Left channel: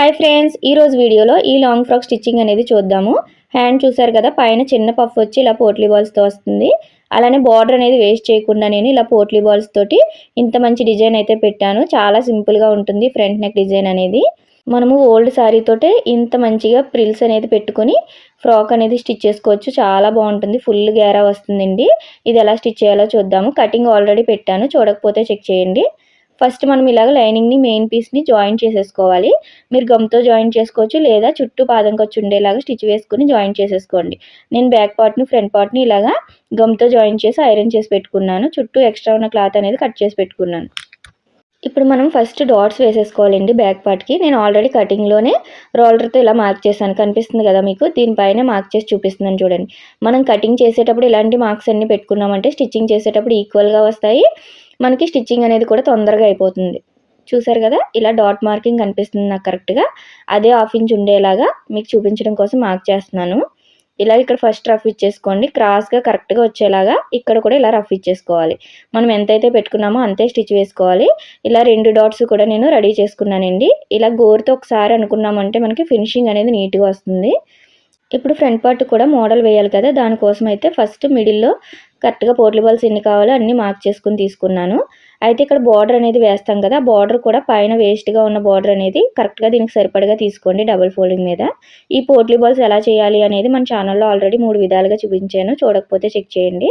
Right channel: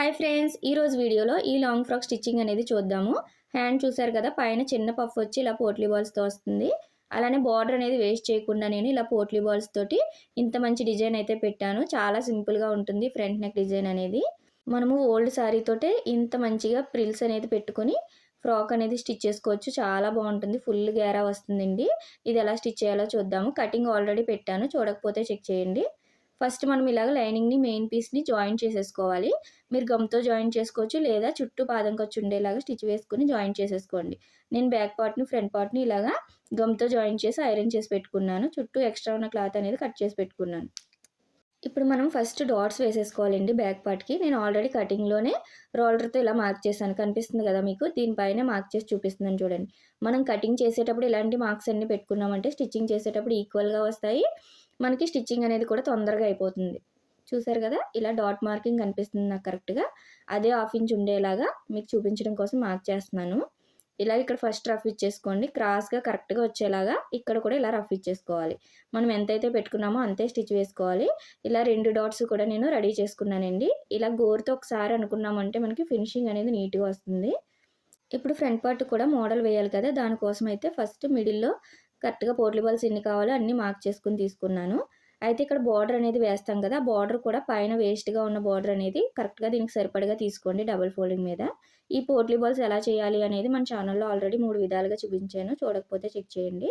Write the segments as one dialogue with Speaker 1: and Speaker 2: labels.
Speaker 1: Hi friends ఈరోజు వీడియోలో ఈ లాంగ్ ఫ్రాక్ స్టిచ్చింగ్ అనేది చూద్దాము. హ్యాండ్ చూసారు కదా పైన చిన్న పఫ్ వచ్చి ఇలా పోట్లీ బాల్స్తో వస్తుంది. అలానే బార్డర్ అనేది వేస్ట్ చేయకుండా నేను ఇలా పోట్లీ బాల్స్ తోటి ఇంత మంచి డిజైన్ అయితే పెట్టాను. చాలా సింపుల్గా ఉంటుంది ఫ్రంట్ నెక్ డిజైన్ అనేది. మనము ఓల్డ్ శారీ తోటే ఇంత మంచిగా ప్రిల్స్ అనేది పెట్టుకొని ఫ్రాక్ అనేది స్టిచ్ చేసుకోవచ్చు. చాలా బాగుంటుంది ఫుల్ గేరా వస్తుందండి. ఇది ఎలా స్టిచ్ చేయాలో చూద్దాము. కటింగ్ ఆల్రెడీ పెట్టాను చూడకపోతే చెక్ చేయండి. ఫస్ట్ మనం ఇలాగ లైనింగ్ని మెయిన్ పీస్ని జాయిన్ చేసేసుకోవాలి. మీరు గమ్తో జాయిన్ చేసుకోవచ్చు లేదా చుట్టూ పాదం ఖర్చు ఉండేలాగా స్టిచ్ వేసుకుని జాయిన్ చేసేసుకోండి. నేను బ్యాక్ పార్ట్ని ఫ్రంట్ పార్ట్ని ఇలాగా గమ్తో జాయిన్ చేసి ఐరన్ చేసి పెట్టుకున్నాను. చుట్టూ ఎక్స్ట్రా ఉన్న క్లాత్ అనేది కట్ చేసి పెట్టుకున్నాను. ఇప్పుడు మనం ఫస్ట్ డాట్స్ వేసేసుకోవాలండి బ్యాక్ పార్ట్కి నేను ఆల్రెడీ కటింగ్లోనే రోలర్తో ఇలా మార్క్ చేశాను. కనిపిస్తుంది కదా మీకు? దీనిపైన మార్క్ చేసి చూపిస్తున్నాను చూడండి. మనం కటింగ్ చేసేటప్పుడు ఇలాంటి మార్క్స్ అన్నీ పెట్టుకున్నామంటే స్టిచ్చింగ్ చేసేటప్పుడు ఈక్వల్గా వస్తాయి. మనకి స్టిచ్చింగ్ అనేది కూడా తొందరగా అయిపోతుంది. చూసారు కదా? ఇలా డాట్ మార్కింగ్ కనిపిస్తుంది నాకు కరెక్ట్గా. అదే హాఫ్ ఇంచ్ ఉండేలాగా మీకు చూపించడం కోసం మార్క్ చేస్తున్నాను. ఇలా ఇక్కడ ఫస్ట్ రఫ్ ఇచ్చేసుకోండి. క్రాస్గా కరెక్ట్గా వచ్చేలాగా ఇక్కడ కూడా ఇలా రఫ్ ఇచ్చేసుకోవాలి. మనం ఎంతైతే పెట్టుకున్నామో అంతే స్టిచ్ వేసుకోవాలి. ఇలా రెండు డాట్స్ కూడా నేను రెడీ చేసుకున్నానండి. ఇలా గోరుతో ఒకసారి అనుకున్నామంటే మనకి ఫినిషింగ్ అనేది నీట్గా వస్తుంది. ఇప్పుడు ఫ్రంట్ పార్ట్ కూడా మోడల్ వేయాలి కదా? దానికోసం అయితే ఫస్ట్ మిడిల్లో కరెక్ట్గా పోట్లీ బాల్స్ ఎన్ని కావాలో అన్నీ మార్క్ చేసుకుని తీసుకున్నాను. అయితే ఇక్కడ బార్డర్ అనేది వేస్తాం కదా బార్డర్ కూడా పైన వేస్ట్గా ఉన్న బార్డర్ అనేది కరెక్ట్గా దీనికి సరిపడగా తీసుకోండి డబుల్ ఫోల్డింగ్ మీద. ఈ పోర్ట్లీ బాల్స్ ఎలా చేయాలి అనేది మన ఛానల్లో ఆల్రెడీ మూడు విధాలుగా చూపించాను చూడకపోతే చెక్ చేయండి.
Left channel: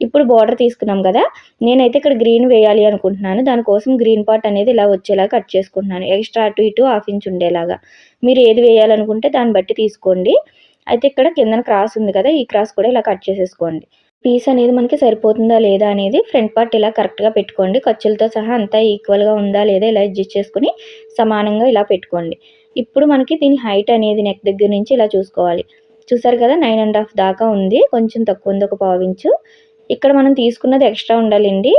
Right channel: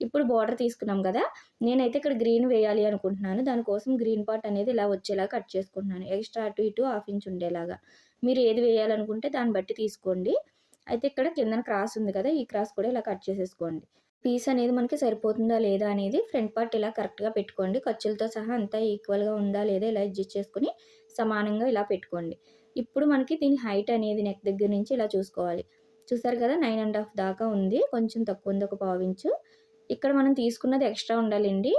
Speaker 1: ఇప్పుడు బార్డర్ తీసుకున్నాం కదా నేనైతే ఇక్కడ గ్రీన్ వేయాలి అనుకుంటున్నాను. దానికోసం గ్రీన్ పార్ట్ అనేది ఇలా వచ్చేలా కట్ చేసుకుంటున్నాను ఎక్స్ట్రా అటు ఇటు హాఫ్ ఇంచ్ ఉండేలాగా. మీరు ఏది వేయాలనుకుంటే దాన్ని బట్టి తీసుకోండి. అయితే ఇక్కడ కిందన క్రాస్ ఉంది కదా ఈ క్రాస్ కూడా ఇలా కట్ చేసేసుకోండి. పీస్ అనేది మనకి సరిపోతుందా లేదా అనేది ఫ్రంట్ పార్ట్ ఇలా కరెక్ట్గా పెట్టుకోండి. ఖర్చులతో సహా అంతా ఈక్వల్గా ఉందా లేదా ఇలా అడ్జస్ట్ చేసుకుని సమానంగా ఇలా పెట్టుకోండి. ఇప్పుడు మనకి దీని హైట్ అనేది నెక్ దగ్గర నుంచి ఇలా చూసుకోవాలి. చూసారు కదా నైన్ అండ్ హాఫ్ దాకా ఉంది. కొంచెం తక్కువ ఉంది ఒక పావించు ఇక్కడ మనం తీసుకున్నది ఎక్స్ట్రా ఉండాలండి.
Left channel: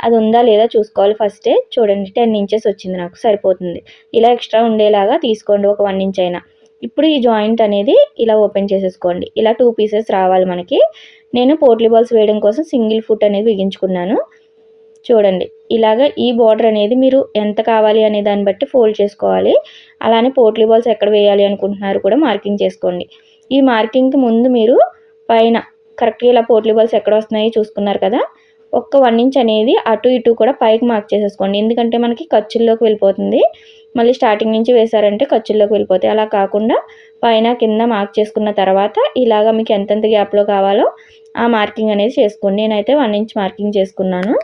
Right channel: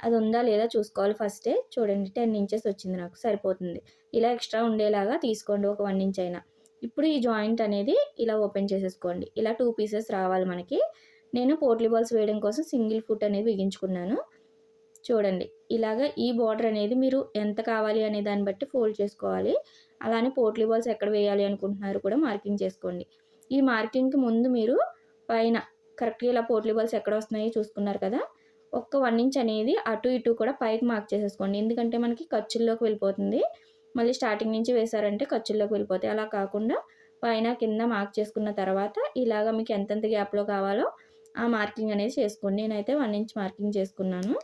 Speaker 1: అది ఉందా లేదా చూసుకోవాలి ఫస్టే. చూడండి టెన్ ఇంచెస్ వచ్చింది నాకు సరిపోతుంది. ఇలా ఎక్స్ట్రా ఉండేలాగా తీసుకోండి ఒక వన్ ఇంచ్ అయినా. ఇప్పుడు ఈ జాయింట్ అనేది ఇలా ఓపెన్ చేసేసుకోండి. ఇలా టూ పీసెస్ రావాలి మనకి. నేను పోట్లీ బాల్స్ వేయడం కోసం సింగిల్ ఫుట్ అనేది బిగించుకున్నాను చూడండి ఇలాగ ఈ బార్డర్ అనేది మీరు ఎంత కావాలి అనే దాన్ని బట్టి ఫోల్డ్ చేసుకోవాలి. అలానే పోట్లీ బాల్స్ ఎక్కడ వేయాలి అనుకుంటున్నారు కూడా మార్కింగ్ చేసుకోండి. ఈ మార్కింగ్కి ముందు మీరు పైన కరెక్ట్గా ఇలా పోట్లీ బాల్స్ ఎక్కడ వస్తున్నాయో చూసుకున్నారు కదా? ఒక్క వన్ ఇంచ్ అనేది అటు ఇటు కూడా పైకి మార్క్ చేసేసుకోండి. ఎందుకంటే మనకి ఖర్చుల్లోకి వెళ్ళిపోతుంది. మళ్ళీ స్టార్టింగ్ నుంచి వేసారంటే ఖర్చుల్లోకి వెళ్ళిపోతాయి. అలా కాకుండా పైన కింద మార్క్ చేసుకున్న తర్వాత ఇలాగ మీకు ఎంతెంత గ్యాప్లో కావాలో ఆ మార్కింగ్ అనేది చేసుకోండి. నేనైతే వన్ ఇంచ్ మార్కింగ్ చేసుకున్నాను.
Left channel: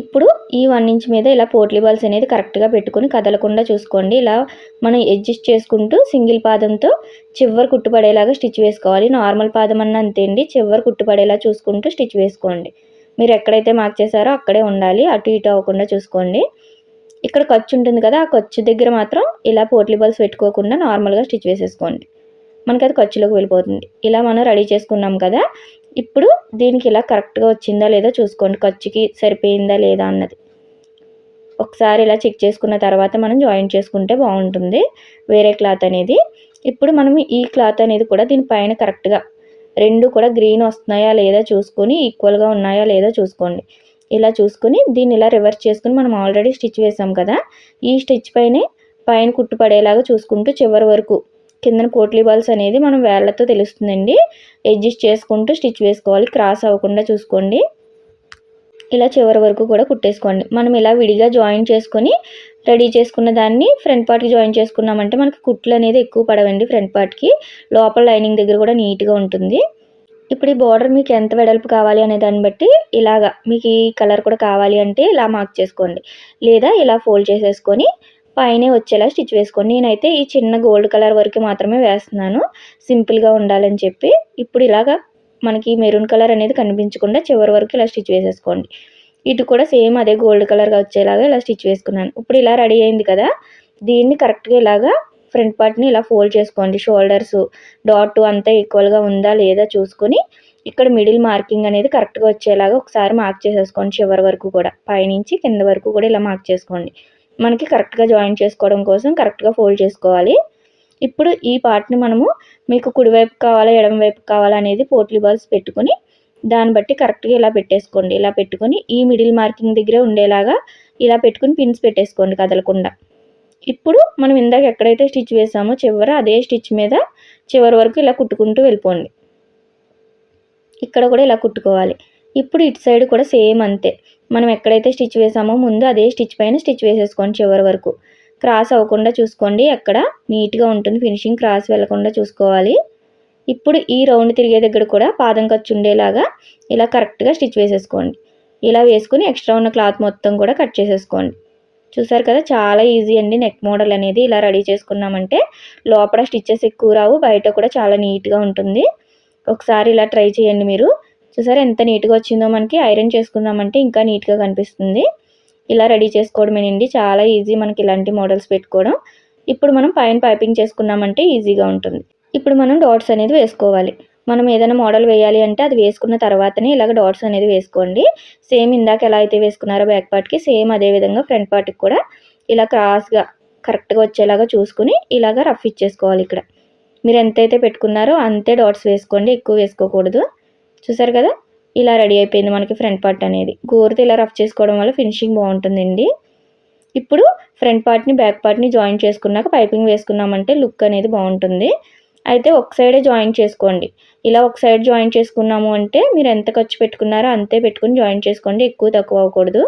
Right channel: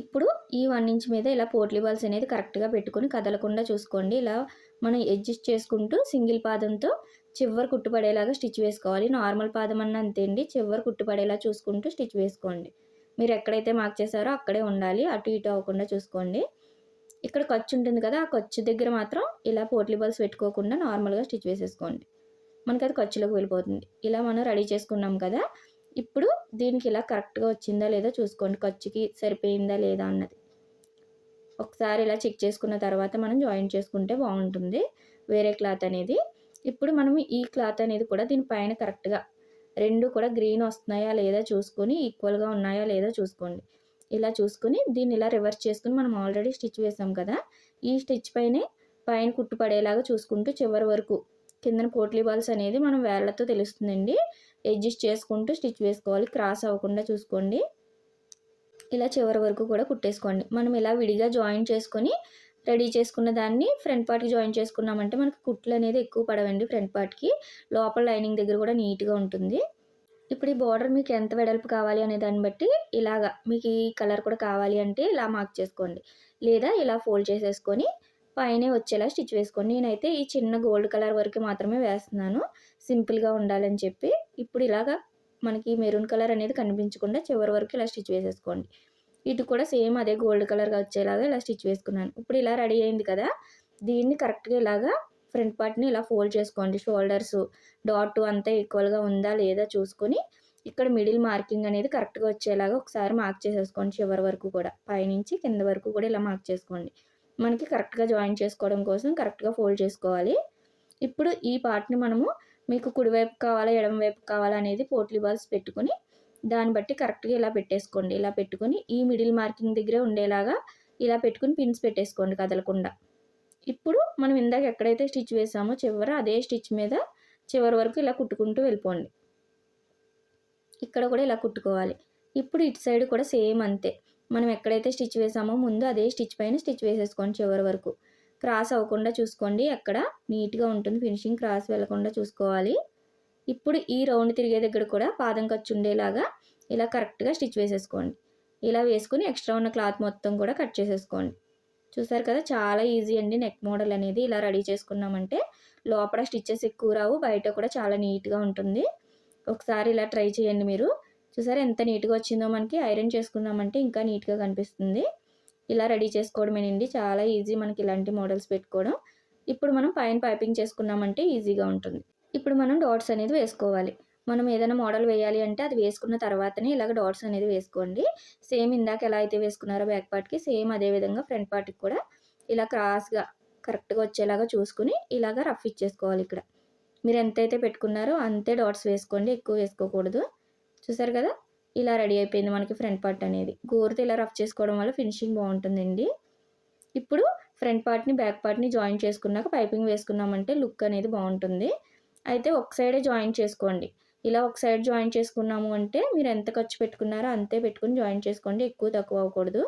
Speaker 1: ఇప్పుడు ఈ వన్ ఇంచ్ మీద ఇలా పోట్లీ బాల్స్ అనేది కరెక్ట్గా పెట్టుకొని కదలకుండా చూసుకోండి. ఇలా మనం అడ్జస్ట్ చేసుకుంటూ సింగిల్ పాదంతో చివరి కుట్టుపడేలాగా స్టిచ్ వేసుకోవాలి. నార్మల్ పాదం అన్న అంతే అండి. చివరి కుట్టుపడేలా చూసుకుంటూ స్టిచ్ వేసుకోండి. మీరు ఎక్కడైతే మార్క్ చేశారో అక్కడే ఉండాలి. అటు ఇటు అవ్వకుండా చూసుకోండి. ఇక్కడ ఖర్చు ఉంటుంది కదా ఆ ఖర్చు దగ్గర మాత్రం ఇలా పోట్లీ బాల్స్ పెట్టుకోకుండా నార్మల్గా స్టిచ్ వేసేసుకోండి. మనకి అది ఖర్చులోకి వెళ్ళిపోతుంది. ఇలా మనం రెడీ చేసుకున్నాం కదా ఇప్పుడు దీనికి ఇలా కరెక్ట్గా వచ్చిందా లేదా చూసుకోండి. ఖర్చుకి సరిపోయిందా లేదా అన్నది. ఒకసారి ఇలా చెక్ చేసుకున్న తర్వాత మనం జాయిన్ చేసుకుంటే బాగుంటుంది. వేరే క్లాత్ అనేది. ఇప్పుడు మనం ఈ క్లాత్ అనేది కూడా దీనిపైన కరెక్ట్గా రెండు కూడా గ్రీన్ వస్తున్నాయా లేదా చూసుకొని ఈక్వల్గా ఉన్నాయా లేదా చూసుకోండి. ఇలా చూసుకొని దీన్ని ఇలా రివర్స్ చేసుకుని మనం ఆల్రెడీ స్టిచ్ వేసాం కదా ఈ స్టిచ్ పైనే పైన కుట్టుపడేలాగా చూసుకుంటూ చివరి వరకు కిందన పోట్లీ బాల్స్ అనేది మనం వేళ్ళతో తెలుస్తుందండి. అడ్జస్ట్ చేసుకుంటూ స్టిచ్ వేసుకోవాలి. క్రాస్ అవ్వకుండా చూసుకోండి. ఇలా చివరి వరకు కూడా కుట్టేసుకోండి. మనం ఇలా విడిగా జాయిన్ చేసుకొని రెడీ చేసుకున్న దాన్ని ఫ్రంట్ పార్ట్కి జాయిన్ చేసుకున్నామంటే మనకి కుట్లు అనేది ఎక్కువ పడవండి ఫ్రంట్ పార్ట్కి లోపల లైనింగ్ దగ్గర కూడా నీట్గా ఉంటుంది. ఇప్పుడు ఈ బార్డర్ మీకు ఎంత వెడల్పు కావాలి అనే దాన్ని బట్టి ఇలాగా మీకు ఈ కలర్ కూడా కావాలి అంటే ఇలా మార్క్ చేసుకోండి. లేదా ఇలా ఫోల్డ్ చేసేసుకొని పైనే వచ్చేలా స్టిచ్ వేసుకోండి. నేనైతే ఈ చిన్న గోల్డ్ కలర్ వరకు మాత్రమే వేస్తున్నాను. సింపుల్గా ఉండాలని చెప్పి. ఇప్పుడు ఇలాగా మనకి మెరూన్ కలర్ అనేది కనిపించకుండా చివరి వరకు ఇలా స్టిచ్ వేసేసుకోండి. ఇటు కూడా సేమ్ అదే గోల్డ్ కలర్గా వచ్చేలాగా ఇలా స్టిచ్ వేసుకున్నాను. ఇప్పుడు ఇలా రెడీ అయింది కదా దీన్ని కరెక్ట్గా ఇలాగా ఫ్రంట్ పార్ట్ని ఇలా ఫోల్డ్ చేసుకోండి. షోల్డర్స్ డాట్ అంతా ఈక్వల్గా ఉందా లేదా చూసుకొని ఇక్కడ మిడిల్ మార్కింగ్ అనేది కరెక్ట్గా వచ్చేలాగా ఒకసారి మార్క్ చేసేసుకోండి చివరి వరకు కూడా. పైనుంచి కింద వరకు కూడా ఇలా మార్క్ చేసుకోండి. మనకి కరెక్ట్గా జాయిన్ చేసుకోవడం కోసం కరెక్ట్గా ఫోల్డ్ చేసుకోవాలి. ఇప్పుడు ఈ పార్ట్ని మనము మీకు కుడివైపు కావాలా ఎడమవైపు కావాలా అనేది పోట్లీ బాల్స్ పెట్టుకొని దాన్ని బట్టి కరెక్ట్గా ఇలా పెట్టేసుకోండి. ఇలా పెట్టుకొని ఈ మిడిల్ మార్కింగ్ దగ్గరే ఉండేలాగా ఇలా పెట్టుకుని పిన్స్ పెట్టేసుకోండి కదలకుండా. ఇప్పుడు మనం ఇందాక ఎక్కడైతే స్టిచ్ వేసామో చివర అదే స్టిచ్ మీద చివరి వరకు ఇలా కుట్టుకుంటూ వెళ్ళిపోండి. ఇక్కడ కూడా ఇలా కుట్టుకోవాలి. ఇప్పుడు ఇటు సైడ్ కూడా సేమ్ అంతే. మనం ఎక్కడైతే స్టిచ్ వేసామో ముందు అదే స్టిచ్ పైన స్టిచ్ వేసేసుకోండి చివరి వరకు. క్రాస్ అవ్వకుండా చూసుకోండి. అక్కడ నీట్గా ఉంటుంది ఫినిషింగ్ క్రాస్ వెళ్ళకుండా చూసుకోవాలి. ఇప్పుడు ఈ రౌండ్ తిరిగే దగ్గర కూడా పాదం ఖర్చు ఉండేలాగా ఇలా కరెక్ట్గా స్టిచ్ వేసేసుకోండి. ఇలా వేసుకుని ఎక్స్ట్రా ఉన్న క్లాత్ మొత్తం కూడా కట్ చేసేసుకోండి. చూసారు కదా చాలా ఈజీ అండి నెక్ మోడల్ అనేది. ఇలా రెడీ చేసుకున్నామంటే లోపల స్టిచ్చెస్ ఎక్కువ రావు బయట కూడా చాలా నీట్గా ఉంటుంది. ఒకసారి ఇలా ట్రై చేయండి మీరు. చూసారా ఎంత నీట్గా వచ్చిందో మనకి ఐరన్ చేసుకుందామంటే ఇంకా నీట్గా కనిపిస్తుంది. ఇలా రెడీ చేసుకోవడమేనండి చాలా ఈజీ మనకి ఇలాంటి మోడల్స్ పెట్టుకోవడం. ఇప్పుడు మనం పైన పైపింగ్ చేసుకున్నామంటే ఈజీగా ఉంటుంది. ఇప్పుడు మనం డాట్స్ అనేది వేసుకోవాలి. మనం ఏదైనా మోడల్ వేయాలి అంటే అది వేసుకున్న తర్వాతనే ఇలాగ డాట్స్ అనేది వేసుకోండి. సేమ్ ఇందాక ఎలా అయితే వేసుకున్నారో బ్యాక్ పార్ట్కి సేమ్ అదే విధంగా ఫ్రంట్ పార్ట్కి కూడా ఇలా క్రాస్గా కరెక్ట్గా వచ్చేలాగా చూసుకుని ఇలాగ రఫ్ ఇచ్చేసుకోవాలి ఇక్కడ. మీరు ఎంతైతే పెట్టుకున్నారో అంతే డాట్స్ వేసుకోండి. ఎక్కువ వేసుకోకూడదు. చూసారు కదా? ఇలా రెడీ అయిపోయింది మనకి ఫ్రంట్ పార్ట్ అనేది. గోరుతో ఇలా రఫ్ చేసుకోవడం వల్ల ఫినిషింగ్ బాగుంటుందండి. ఇప్పుడు ఫ్రంట్ పార్ట్ని బ్యాక్ పార్ట్ని జాయిన్ చేసుకున్నాక పైపింగ్ వేసుకున్నామంటే లుక్ అనేది బాగుంటుంది. అయితే ఒక సైడే జాయిన్ చేసుకోండి. ఇలా ఒక సైడ్ జాయిన్ చేసుకున్నాము అంటే మీరు ఎంత ఖర్చు పెట్టుకున్నారో అంతే పెట్టుకుని జాయిన్ చేసుకోండి. ఎక్కువ తక్కువ అవ్వకూడదు.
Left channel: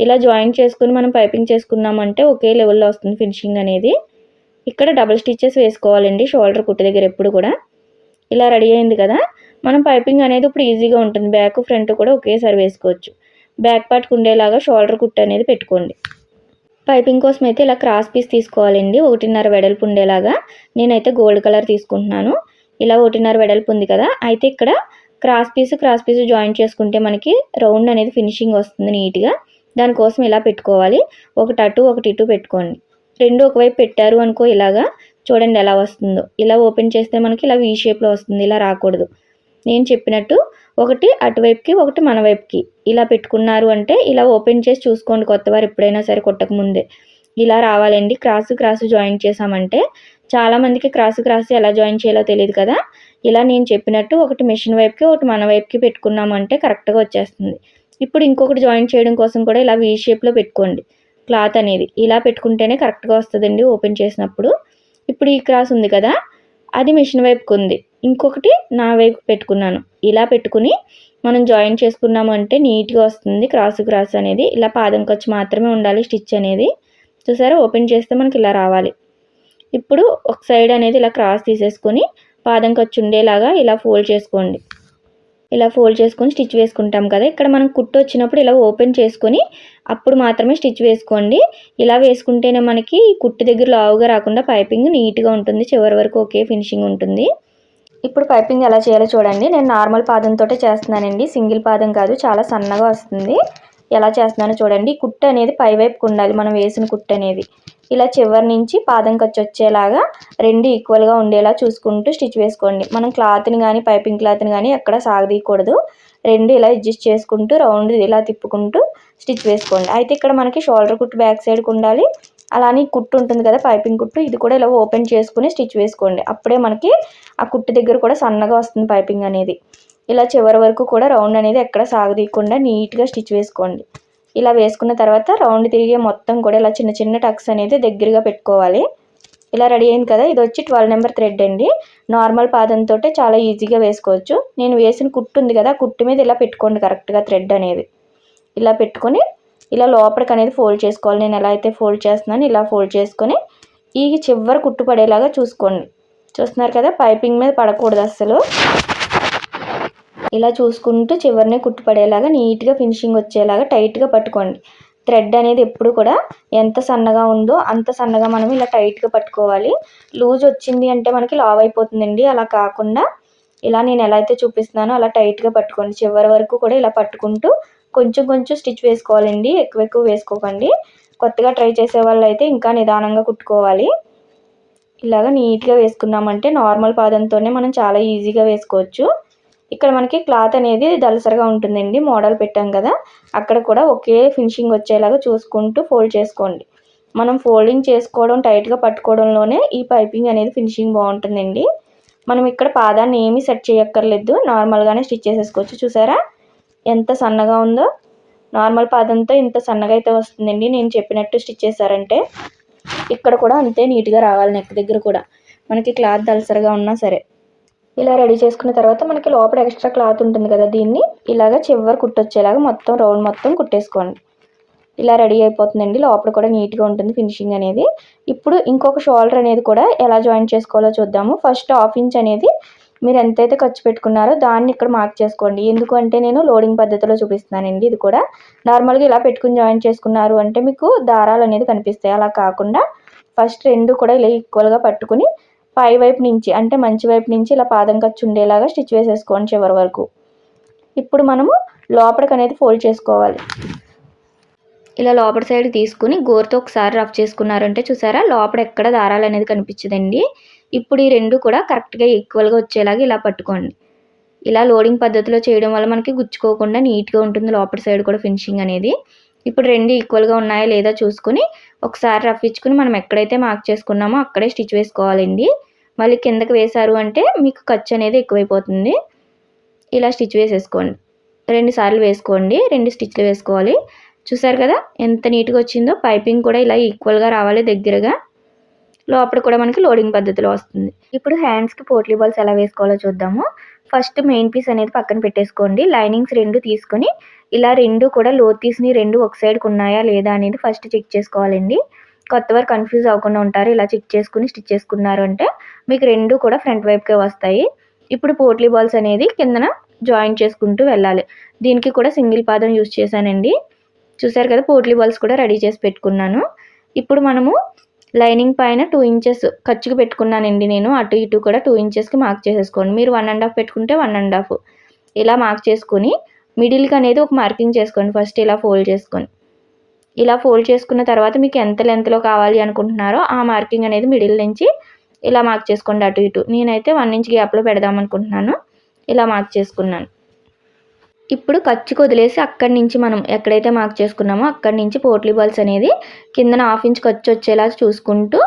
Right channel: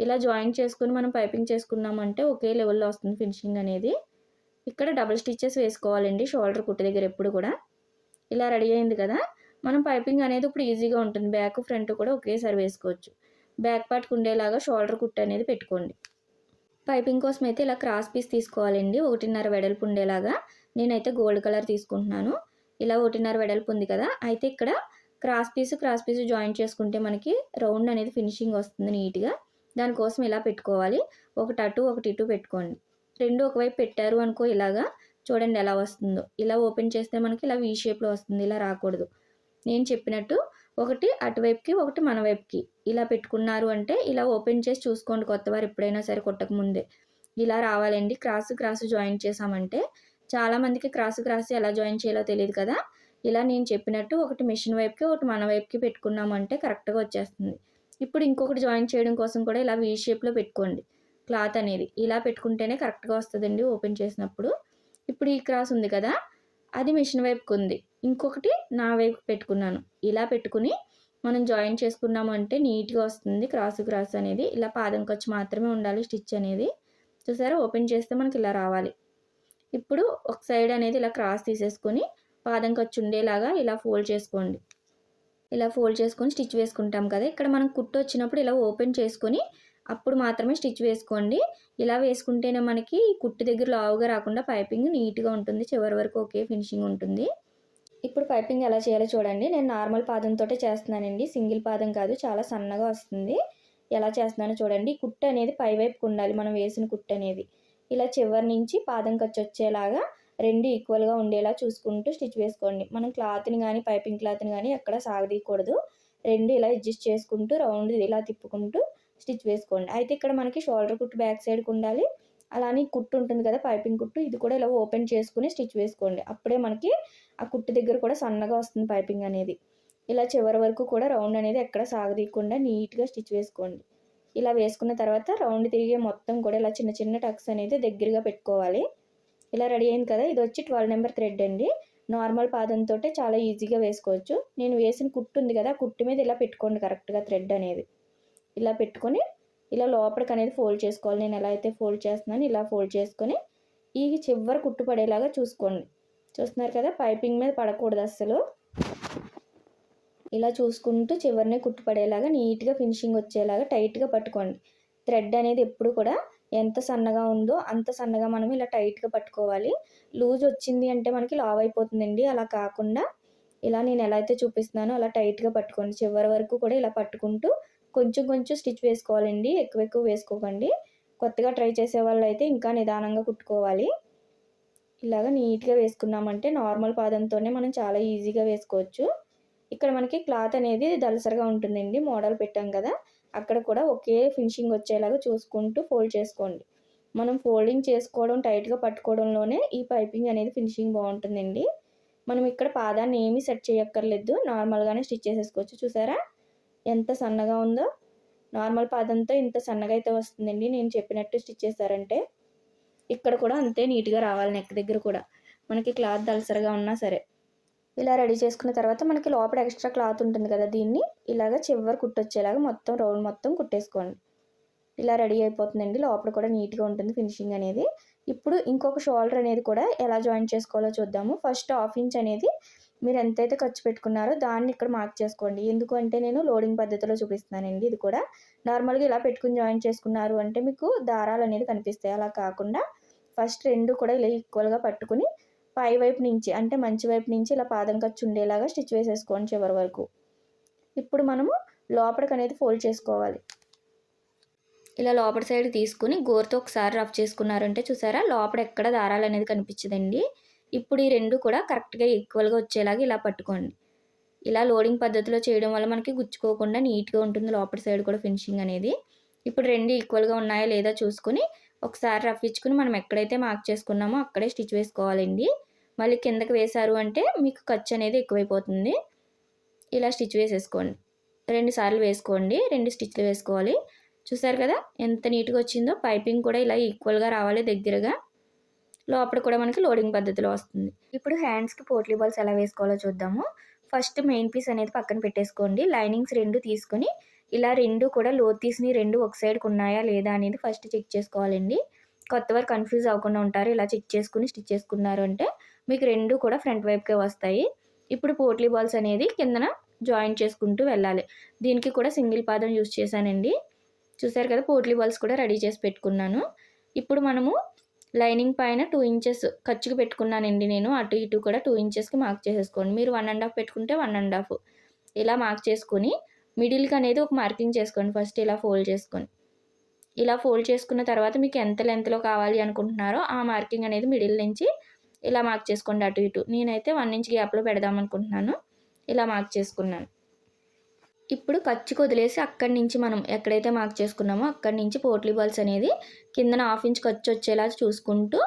Speaker 1: ఇలా జాయిన్ చేసుకుని మనం పైపింగ్ చేసుకున్నామంటే ఒకే లెవెల్లో వస్తుంది ఫినిషింగ్ అనేది. ఇక్కడ డబుల్ స్టిచ్చెస్ వేసుకోవాలండి. షోల్డర్ కుట్టు దగ్గర ఎప్పుడు కూడా. ఇలా రెడీ అయింది కదా? మనం పైపింగ్ అనేది ఇప్పుడు ఈజీగా ఉంటుంది. బ్యాక్ ఫ్రంట్ కూడా ఒకేసారి వేసుకోవచ్చు. బ్యాక్ పార్ట్కి ఉండేలాగా షోల్డర్ కుట్టు అనేది పెట్టుకోండి. పైపింగ్ కోసం అయితే ఇలా క్రాస్ పీస్ తీసుకోవాలండి. ఒకటిన్నర వెడల్పు ఉండేలాగా నేనైతే గోల్డ్ కలర్ తీసుకుంటున్నాను. ఇలా ఒకటిన్నర వెడల్పు ఉంది కదా అయితే ఇక్కడ cross piece cross piece join చేసుకుంటే మనకి రౌండ్ అనేది ఫినిషింగ్ వస్తుంది నీట్గా. దానికోసం ఇలా పెట్టుకోవాలి. ఒకటి అటు ఒకటి ఇటు పెట్టుకోండి. రెండు ఒకవైపు పెట్టారు అనుకో ఇలాగా చూడండి ఎలా వస్తుందో. ఇలా ఓపెన్ చేస్తే మనకి ఇలా వీ షేప్లో వస్తుంది. ఇలా రాకూడదు. నేను చెప్పినట్టు ఒకటి అటువైపుకి ఒకటి మన వైపుకి. ఇలా పెట్టుకున్నారు అంటే ఇలా ఓపెన్ చేసి చూసుకోండి కొత్తవారు ఎప్పుడైనా సరే కొట్టకముందే ఇలా రావాలండి. క్రాస్ క్రాస్ జాయిన్ చేసామంటే చాలామందికి క్రాస్ క్రాస్ ఎలా జాయిన్ చేయాలో తెలియదు కదా. ఇలా నేను చెప్పినట్టు ఒకటి మిషన్ వైపుకి ఒకటి మన వైపుకి పెట్టుకున్నామంటే కరెక్ట్గా వచ్చేస్తుంది. ఇప్పుడు ఇంకొకటి జాయిన్ చేయడం కోసం కూడా ఇలా వీ షేప్లో పెట్టుకోండి. క్లాత్ అనేది. ఇలా పెట్టుకుంటేనే కరెక్ట్గా వస్తుందండి ఓపెన్ చేసినప్పుడు. ఇప్పుడు ఈ క్రాస్ ఉంది కదా. అది మిషన్ వైపుకు ఉంది ఇంకొకటి నా వైపు పెట్టుకున్నాను. ఇలా పెట్టుకుని మనం జాయిన్ చేసుకున్నాము అంటే నీట్గా వస్తుంది క్రాస్ క్రాస్ అనేది. ఇలా పాదం ఖర్చు మాత్రమే ఉండాలి స్టిచ్ అనేది. చూసారా? ఓపెన్ చేస్తే మనకి ఇలా రావాలి. ఇప్పుడు ఒక సైడ్ అనేది ఇలా క్రాస్ తీసేసుకొని పాదం ఖర్చు ఉండేలాగా ఇలా ఫోల్డ్ చేసుకోండి. ఇలా ఫోల్డ్ చేసుకొని స్టిచ్ వేసుకుంటాం కదా. ఇక్కడ మనం కుట్టు వచ్చినప్పుడు ఇలా ఓపెన్ చేసుకొని అప్పుడు మాత్రమే స్టిచ్ వేసుకోండి. ఇలా వేసుకుంటేనే మనకి కుట్టు దగ్గర లావుగా రాకుండా పైపింగ్ నీట్గా ఉంటుంది. చివరి వరకు ఒకే ఫినిషింగ్ ఉంటుంది. ఇప్పుడు పైపింగ్ ఎలా చేయాలో చూడండి. నేను నార్మల్ పాదంతో చేస్తున్నానండి. సింగిల్ పాదం కాదు చాలా సన్నగా వస్తుంది. ఎలా చేస్తున్నానో చూడండి. కుట్టు అనేది పైవైపుకు ఉండాలి. మనం వేసిన కుట్టు అనేది. ఇలా చివరి నుంచి పాదం ఖర్చు వచ్చేలాగా రెండు ఈక్వల్గా ఉండేలా చూసుకుంటూ స్టిచ్ వేసుకోండి. మనం క్లాత్ని కానీ పైపింగ్ క్లాత్ని కానీ ఎక్కడ సాగదీయకూడదు. రెండు ఇలా అడ్జస్ట్ చేసుకుంటూ రౌండ్ ఇలా తిప్పుకుంటూ స్టిచ్ వేసుకోండి. అయితే ఇక్కడ మనకి షోల్డర్ కుట్టు బ్యాక్ సైడ్కి ఉండాలి. అలానే కుట్టు ఉంటుంది కదా పైపింగ్ కుట్టు ఇది కూడా ఇలా ఓపెన్ చేసుకుని స్టిచ్ వేసుకోండి. అప్పుడే మనకి ఆ కుట్టు దగ్గర కూడా సన్నగా వస్తుంది పైపింగ్ అనేది. ఇలా చివరి వరకు కూడా రౌండ్ అనేది ఎక్కడ సాగదీయకుండా నీట్గా స్టిచ్ వేసుకోండి. ఇలా వేసుకున్న తర్వాత రౌండ్ తిరిగే మొత్తం కూడా ఇలా చిన్న చిన్న టక్స్ అనేది దగ్గరగా పెట్టుకోవాలి. ఇలా రెడీ అయింది కదా ఇది వచ్చి ట్వెల్వ్ నెంబర్ థ్రెడ్ అండి. నార్మల్ పాదంతో చాలా ఈజీగా వేసుకోవచ్చు. నేను వేసిన కుట్టు ఉంది కదా కుట్టు మీద ఇలా పెట్టుకోండి కరెక్ట్గా థ్రెడ్ అనేది. ఇలా పెట్టుకొని ఇలా లోపలికి అనేది ఫోల్డ్ చేసుకోవాలి. నేను ఎలా అయితే ఫోల్డ్ చేస్తున్నాను ఇలా ఫోల్డ్ చేసుకొని ఈ చివరి కుట్టు పడేలాగా చూసుకోండి. చూస్తున్నారు కదా పైపింగ్ మీద పడకూడదు అస్సలు. ఇలా చూసుకుంటూ చివరిని కుట్టుపడేలాగా నీట్గా ఫినిషింగ్ వచ్చేలాగా టైట్గా పట్టుకోండి. థ్రెడ్ అనేది ఎప్పుడు కూడా ఎంత సన్నగా ఉందో అంత సన్నగా మనం ఇలా టైట్గా పట్టుకోవాలి. లూజ్ వచ్చింది అంటే మనకి లావ్ అయిపోతుందండి. అలా కాకుండా ఇలా నేను ఎలా అయితే చూపిస్తున్నానో అలా టైట్గా పట్టుకోండి. చివరి వరకు కూడా ఇలా పట్టుకుంటూ కొంచెం కొంచెం స్టిచ్ వేసుకోవాలండి. ఎక్కువ ఎక్కువ వేసుకోకండి. కొత్తగా ట్రై చేసే వాళ్ళు అయితే ఇంకా నిదానంగా కుట్టుకోవాలి. ఇలాగ నీట్గా వేసుకున్నామంటే నార్మల్ పాదంతోనే మనం చాలా ఈజీగా వేసుకోవచ్చు. ఇక్కడ మనకి క్లాత్ అనేది దలసరగా ఉంటుందండి. మోడల్ పెట్టాం కదా. అక్కడ కూడా ఒకే ఫినిషింగ్ వచ్చేలాగా చూసుకుంటూ ఫోల్డ్ చేసుకోండి. మనం ఫోల్డింగ్ చేసుకోవడం టైట్గా పట్టుకోవడంలోనే ఈ పైపింగ్ అనేది ఫినిషింగ్ బాగుంటుందండి. మనం ఇక్కడ పాదాన్ని ఏమీ సెట్ చేయక్కర్లేదు. నార్మల్గానే స్టిచ్ చేసేసుకోవచ్చు. చూసారా? ఎంత సన్నగా ఉందో. నార్మల్ పాదంతో ఇంత సన్నగా అయితే వస్తుందండి. నేను చెప్పినట్టు స్టిచ్ చేశారంటే. ఇక్కడ కూడా అంతే నీట్గా రావాలి నెక్ దగ్గర కూడా. మనకి క్లాత్ దలసరిగా ఉన్నా సరే. ఇలా రెడీ చేసుకున్న తర్వాత మనకి లోపల ఎక్స్ట్రా క్లాత్ ఉంటుంది కదా దీన్ని ఇలాగ చివరి కుట్టొచ్చేలాగా మొత్తం రౌండ్ మొత్తం కుట్టేసుకోండి. ఇలా రెడీ అయిపోతుందండి. లోపల కూడా నీట్గా ఉంటుంది ఫినిషింగ్ అనేది. ఇప్పుడు ఇంకొక షోల్డర్ అనేది కూడా ఎలా జాయిన్ చేసుకోవాలో చూద్దాము. ఫస్ట్ హాఫ్ ఇంచ్ అనేది మీరు ఎంతైతే ఖర్చు పెట్టుకున్నారో దాన్ని ఇక్కడ మార్క్ చేసుకోండి. ఎందుకంటే నేను లోడింగ్ పద్ధతిలో చూపిస్తున్నానండి ఇది కూడా. నార్మల్గా ఇలా పెట్టుకుని జాయిన్ చేసుకున్నారు అంటే మీకు దారాలు అనేది కనిపిస్తాయి. అలా కాకుండా ఫస్ట్ రెండు కూడా ఇలా ఈక్వల్గా పట్టుకుని పై వైపు నుంచి అంటే మంచి వైపు నుంచి ఇలా పాదం ఖర్చు ఉండేలాగా స్టిచ్ వేసేసుకోండి చివరి వరకు. ఇప్పుడు మనము లోపలికి అనేది ఫోల్డ్ చేసుకోవాలి. ఇలా లోపల సైడ్ తీసుకుని గోరుతో ఒకసారి రఫ్ చేసుకున్నారంటే చూసారా? లోపల ఎక్కడ దారాలు అనేది కనిపించదండి. ఇప్పుడు ఈ రెండు కూడా కరెక్ట్గా ఈక్వల్గా వచ్చేలాగా ఇలా పట్టుకోండి. ఇలా లోడింగ్ పద్ధతిలో చేయడం వల్ల మనకి గుచ్చుకోకుండా నీట్గా ఉంటుంది లోపల సైడ్ కూడా ఫినిషింగ్ అనేది. ఇప్పుడు రెండు ఈక్వల్గా ఉన్నాయా లేదా చూసుకుని ఒకసారి రఫ్ ఇచ్చుకుని మనం ఎక్కడైతే మార్క్ చేసుకున్నామో అక్కడే స్టిచ్ వేసుకోవాలండి. మళ్ళీ కిందకి వేశారు అంటే మీకు ఖర్చు అనేది ఎక్కువైపోతుంది. ఇలా స్టిచ్ వేసేసుకోండి. రెండు సార్లు వేసుకోండి. రెండు స్టిచ్లు వేసుకోవాలి. చూసారు కదా? ఎంత నీట్గా వచ్చిందో. పైపింగ్ కూడా ఇలా ఈక్వల్గా రావాలి దగ్గరగా. లోపల కూడా మనకి లోడింగ్ పద్ధతిలో వస్తుంది. ఇప్పుడు హ్యాండ్స్కి పోట్లీ బాల్స్ ఎలా వేసుకోవాలో చూద్దాము. ఫస్ట్ మెయిన్ పీస్ అనేది పక్కన పెట్టేసుకోండి. లైనింగ్స్ రెండు తీసుకొని ఇలా రెండు కూడా లోత్ తీసిని రెండు ఒక సైడ్కి ఉన్నాయా లేదా అనేది ఫస్ట్ చెక్ చేసుకోవాలండి. కొత్త వారు కన్ఫ్యూజ్ అవ్వకుండా ఉంటారు. ఇలా చెక్ చేసుకుని స్టిచ్ చేసుకున్నారు అంటే మీకు రెండు కూడా ఫ్రంట్ వైపుకే వస్తాయి. ఇప్పుడు పోట్లీ బాల్స్ అనేది కిందన జాయిన్ చేసుకుంటూ వెళ్ళాలి. దీనికి కూడా సింగిల్ పాదం యూస్ చేశానండి. చూసారు కదా పోట్లీ బాల్స్ కూడా రెడీ చేసి పెట్టుకున్నాను. ఇప్పుడు మనము లైనింగ్ పైన టూ ఇంచెస్ ఖర్చుకు పెట్టుకున్నానండి నేను. అటు ఇటు కూడా టూ ఇంచెస్కి మార్క్ చేసేసుకోండి. మీరు వన్ అండ్ హాఫ్ పెట్టుకుంటే వన్ అండ్ హాఫ్ ఇలా మార్క్ చేసుకుని మిడిల్కి అనేది ఒక మార్కింగ్ చేసుకోండి. ఫస్ట్ ఇలా ఫోల్డ్ చేసుకొని. ఇలా ఫోల్డ్ చేసుకున్న తర్వాత మీకు ఎంత లెంత్లో కావాలి అనుకుంటున్నారో ఆ మార్కింగ్ అనేది మిడిల్ నుంచి ఇలా మార్క్ చేసుకోండి అటు ఇటు. నేనైతే వన్ ఇంచ్ గ్యాప్లో పెడదాం అనుకుంటున్నాను. ఇలా మార్క్ చేసుకున్నాను. ఇప్పుడు ఖర్చుకు వదిలేసి అక్కడి నుంచి మనం ఎక్కడైతే మార్క్ చేసుకున్నామో అక్కడి నుంచి పోట్లీ బాల్స్ అనేది కిందన హాఫ్ ఇంచ్ ఖర్చు వచ్చేలా చూసుకుంటూ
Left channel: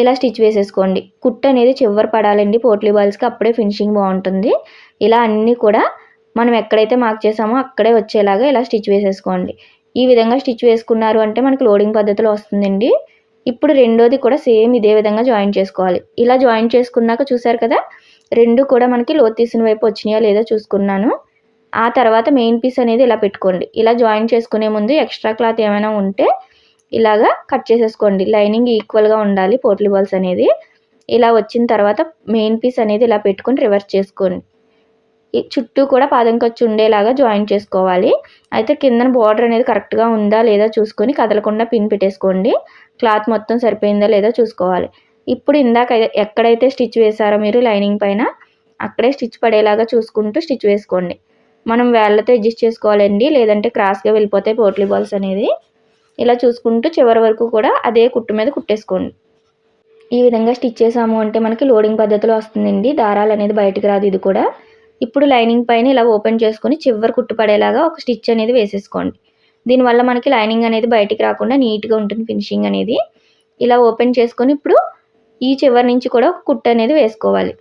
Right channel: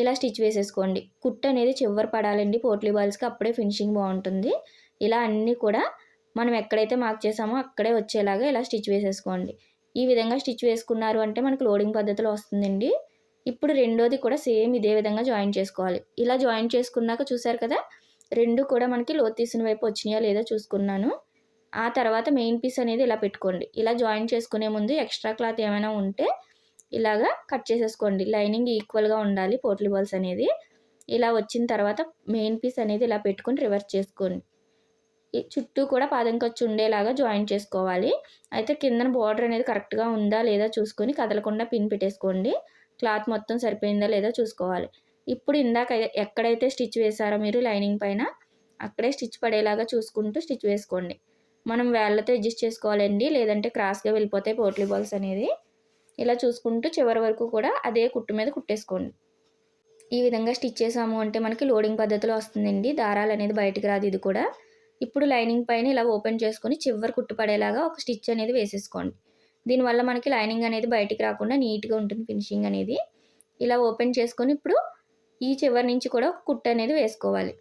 Speaker 1: ఇలా స్టిచ్ వేసేసుకోండి. కుట్టు అనేది చివరి పడాలండి పోట్లీ బాల్స్కి అప్పుడే ఫినిషింగ్ బాగుంటుంది. ఇలా అన్నీ కూడా మనం ఎక్కడైతే మార్క్ చేసామో అక్కడే వచ్చేలాగా ఇలా స్టిచ్ వేసేసుకోండి. ఈ విధంగా స్టిచ్ వేసుకున్నారు అంటే మనకి లోడింగ్ పద్ధతిలో వస్తుందండి. ఇప్పుడు రెండోది కూడా సేమ్ ఇదే విధంగా జాయిన్ చేసుకోవాలి. ఇలా జాయిన్ చేసుకున్నాక చూసారు కదా రెండు కూడా మనకి లోతు తీసిన వైపు వచ్చినాయా లేదా చూసుకున్నాను. ఆ తర్వాత మెయిన్ పీస్ అనేది ఇలా పెట్టుకోండి. ఇలా జాయిన్ చేసుకునే ముందు ఎక్స్ట్రా క్లాత్ ఏమైనా ఉంటే ఇలాగా కట్ చేసేసుకోండి. లైనింగ్ ఈక్వల్గా ఉండాలి పోట్లీ బాల్స్ అనేది. ఇలా వచ్చిన తర్వాత మెయిన్ పీస్ అనేది ఇలా పెట్టుకొని రివర్స్ చేసుకోండి. చుట్టూ కూడా పాదం ఖర్చు ఉండేలాగా జాయిన్ చేసుకోవాలి. అయితే కిందన బార్డర్ అనేది కరెక్ట్గా ఉందా లేదా చూసుకొని కదలకుండా పిన్ పెట్టేసుకోండి. క్లాత్ మొత్తం సరిపోయిందా లేదా చూసుకోవాలి. ఇప్పుడు ఇందాక ఎక్కడైతే స్టిచ్ వేసారో మీరు లైనింగ్ పైన అక్కడే స్టిచ్ పడేలాగా చూసుకుంటూ స్టిచ్ వేసుకోండి. మనం వేళ్ళతో అడ్జస్ట్ చేసుకోవాలండి లేదంటే క్రాస్గా వెళ్ళిపోతాయి పోట్లీ బాల్స్ అనేది. ఇలా చూసుకుంటూ చివరి వరకు కూడా అదే కుట్టు మీద కుట్టేసుకోండి. ఈ విధంగా స్టిచ్ చేసాము అంటే మనకి లోడింగ్ పద్ధతిలో వస్తుందండి. దారాలు అనేది బయటకు రాదు ఇది కూడా. ఇప్పుడు లైనింగ్ పైన ఇలా ఓపెన్ చేసుకొని చివరి కుట్టు పడేలాగా ఒక స్టిచ్ అనేది వేసేసుకోండి. దీనివల్ల మనకి లైనింగ్ అనేది బయటికి రాకుండా నీట్గా ఉంటుంది ఫినిషింగ్ అనేది. ఇలా ఓపెన్ చేసుకొని ఇప్పుడు ఈ చివరి నుంచి కూడా ఒక కుట్టు అనేది వేసుకోవాలి.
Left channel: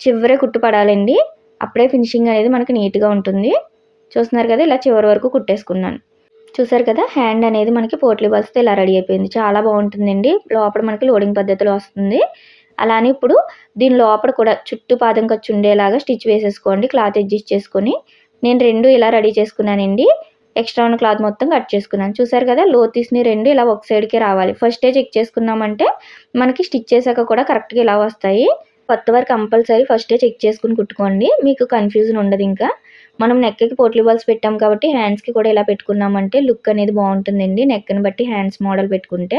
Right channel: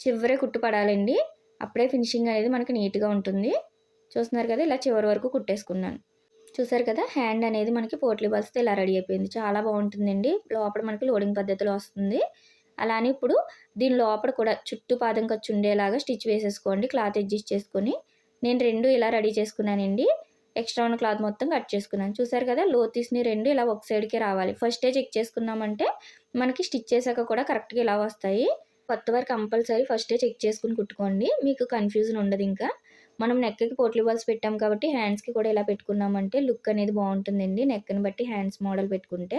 Speaker 1: చివరే కుట్టు పడాలండి. అప్పుడే ఫినిషింగ్ అనేది మనకి నీట్గా ఉంటుంది. చూస్తున్నారు కదా ఇలా చివరి వరకు కుట్టేసుకున్నాను. చూసారు కదా హ్యాండ్ అనేది మనకి పోట్లీ బాల్స్తో ఇలా రెడీ అయిపోయింది. చాలా బాగుంటుందండి. లోపల మనకి లోడింగ్ పద్ధతిలో వస్తుంది. అలానే ఇప్పుడు దీని లోపల కూడా చుట్టూ పాదం ఖర్చు ఉండేలాగా స్టిచ్ వేసేసుకోండి. క్లాత్ అడ్జస్ట్ చేసుకొని నేను రెండు ఇలా రెడీ చేసుకున్నానండి. ఎక్స్ట్రా ఉన్న క్లాత్ మొత్తం కట్ చేసుకున్నాను. చూసారు కదా లో తీసిన రెండు ఇలా ఒక సైడ్కి రావాలి. ఫస్టే చెక్ చేసుకున్నామంటే మనకి స్టిచ్ చేశాక కూడా కరెక్ట్గా ఇలా వస్తాయి. కొత్త వారు కంపల్సరీ ఫస్టే చెక్ చేసుకుని కుట్టుకోండి. మీకు కన్ఫ్యూజన్ ఉండదు ఇంకా. మనం నెక్కి పోట్లీ బాల్స్ పెట్టాం కాబట్టి హ్యాండ్స్కి కూడా ఇలా పెట్టుకున్నామంటే లుక్ అనేది బాగుంటుందండి. నెక్ని బట్టి హ్యాండ్స్ మోడల్ పెట్టుకుంటే.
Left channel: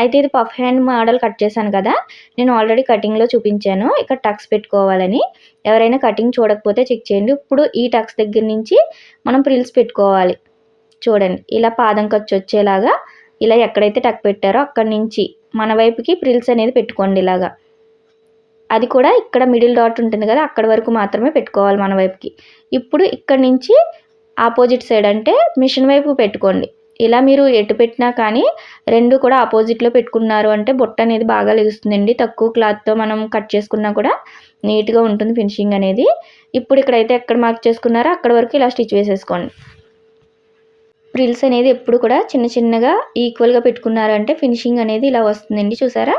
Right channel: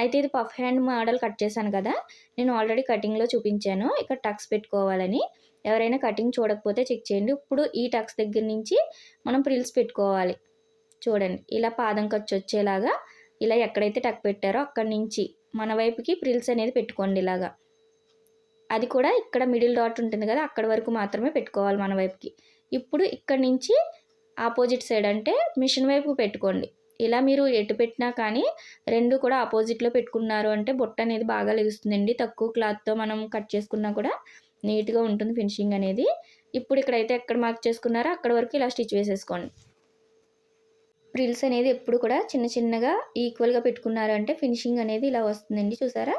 Speaker 1: అయితే ఇది పఫ్ హ్యాండ్ మోడల్ కట్ చేశాను కదా. నేను ఆల్రెడీ కటింగ్లో చూపించాను. ఇక్కడ టక్స్ పెట్టుకోవాలని. ఎవరైనా కటింగ్ చూడకపోతే చెక్ చేయండి. ఇప్పుడు ఈ టక్స్ దగ్గర నుంచి మనం ప్రిల్స్ పెట్టుకోవాలి. చూడండి. ఇలా పాదం ఖర్చు వచ్చేలాగా ఇలా ఎక్కడైతే టక్ పెట్టారో అక్కడి నుంచి మన వైపుకి ప్రిల్స్ అనేది పెట్టుకోండి ఇలాగా. అది కూడా ఇక్కడ మిడిల్ డాట్ ఉంటుంది కదా అక్కడ వరకు మాత్రమే పెట్టుకోవాలి మన వైపుకి. ఇప్పుడు ఇక్కడ నుంచి ఆపోజిట్ సైడ్ అంటే మిషన్ వైపు పెట్టుకోండి. ఇలా మీరు ఎటు పెట్టినా కానీ రెండు కూడా ఆపోజిట్లో పెట్టుకున్నారు అంటే బొట్ట అనేది బాగా లెగుస్తుందండి. తక్కువ క్లాత్తో మనం కట్ చేసుకున్నా కూడా నీట్గా ఉంటుంది ఫినిషింగ్ అనేది. ఇప్పుడు ఇక్కడైతే ఎక్కడ మార్క్ చేసుకున్నారో అక్కడ వరకు ఇలా స్టిచ్ వేసేసుకోండి. ప్రిల్స్ అనేది ఎప్పుడు కూడా చిన్న చిన్నగా ఈక్వల్గా పెట్టుకున్నారంటే ఫినిషింగ్ అనేది ఇలా వస్తుందండి. చూసారా?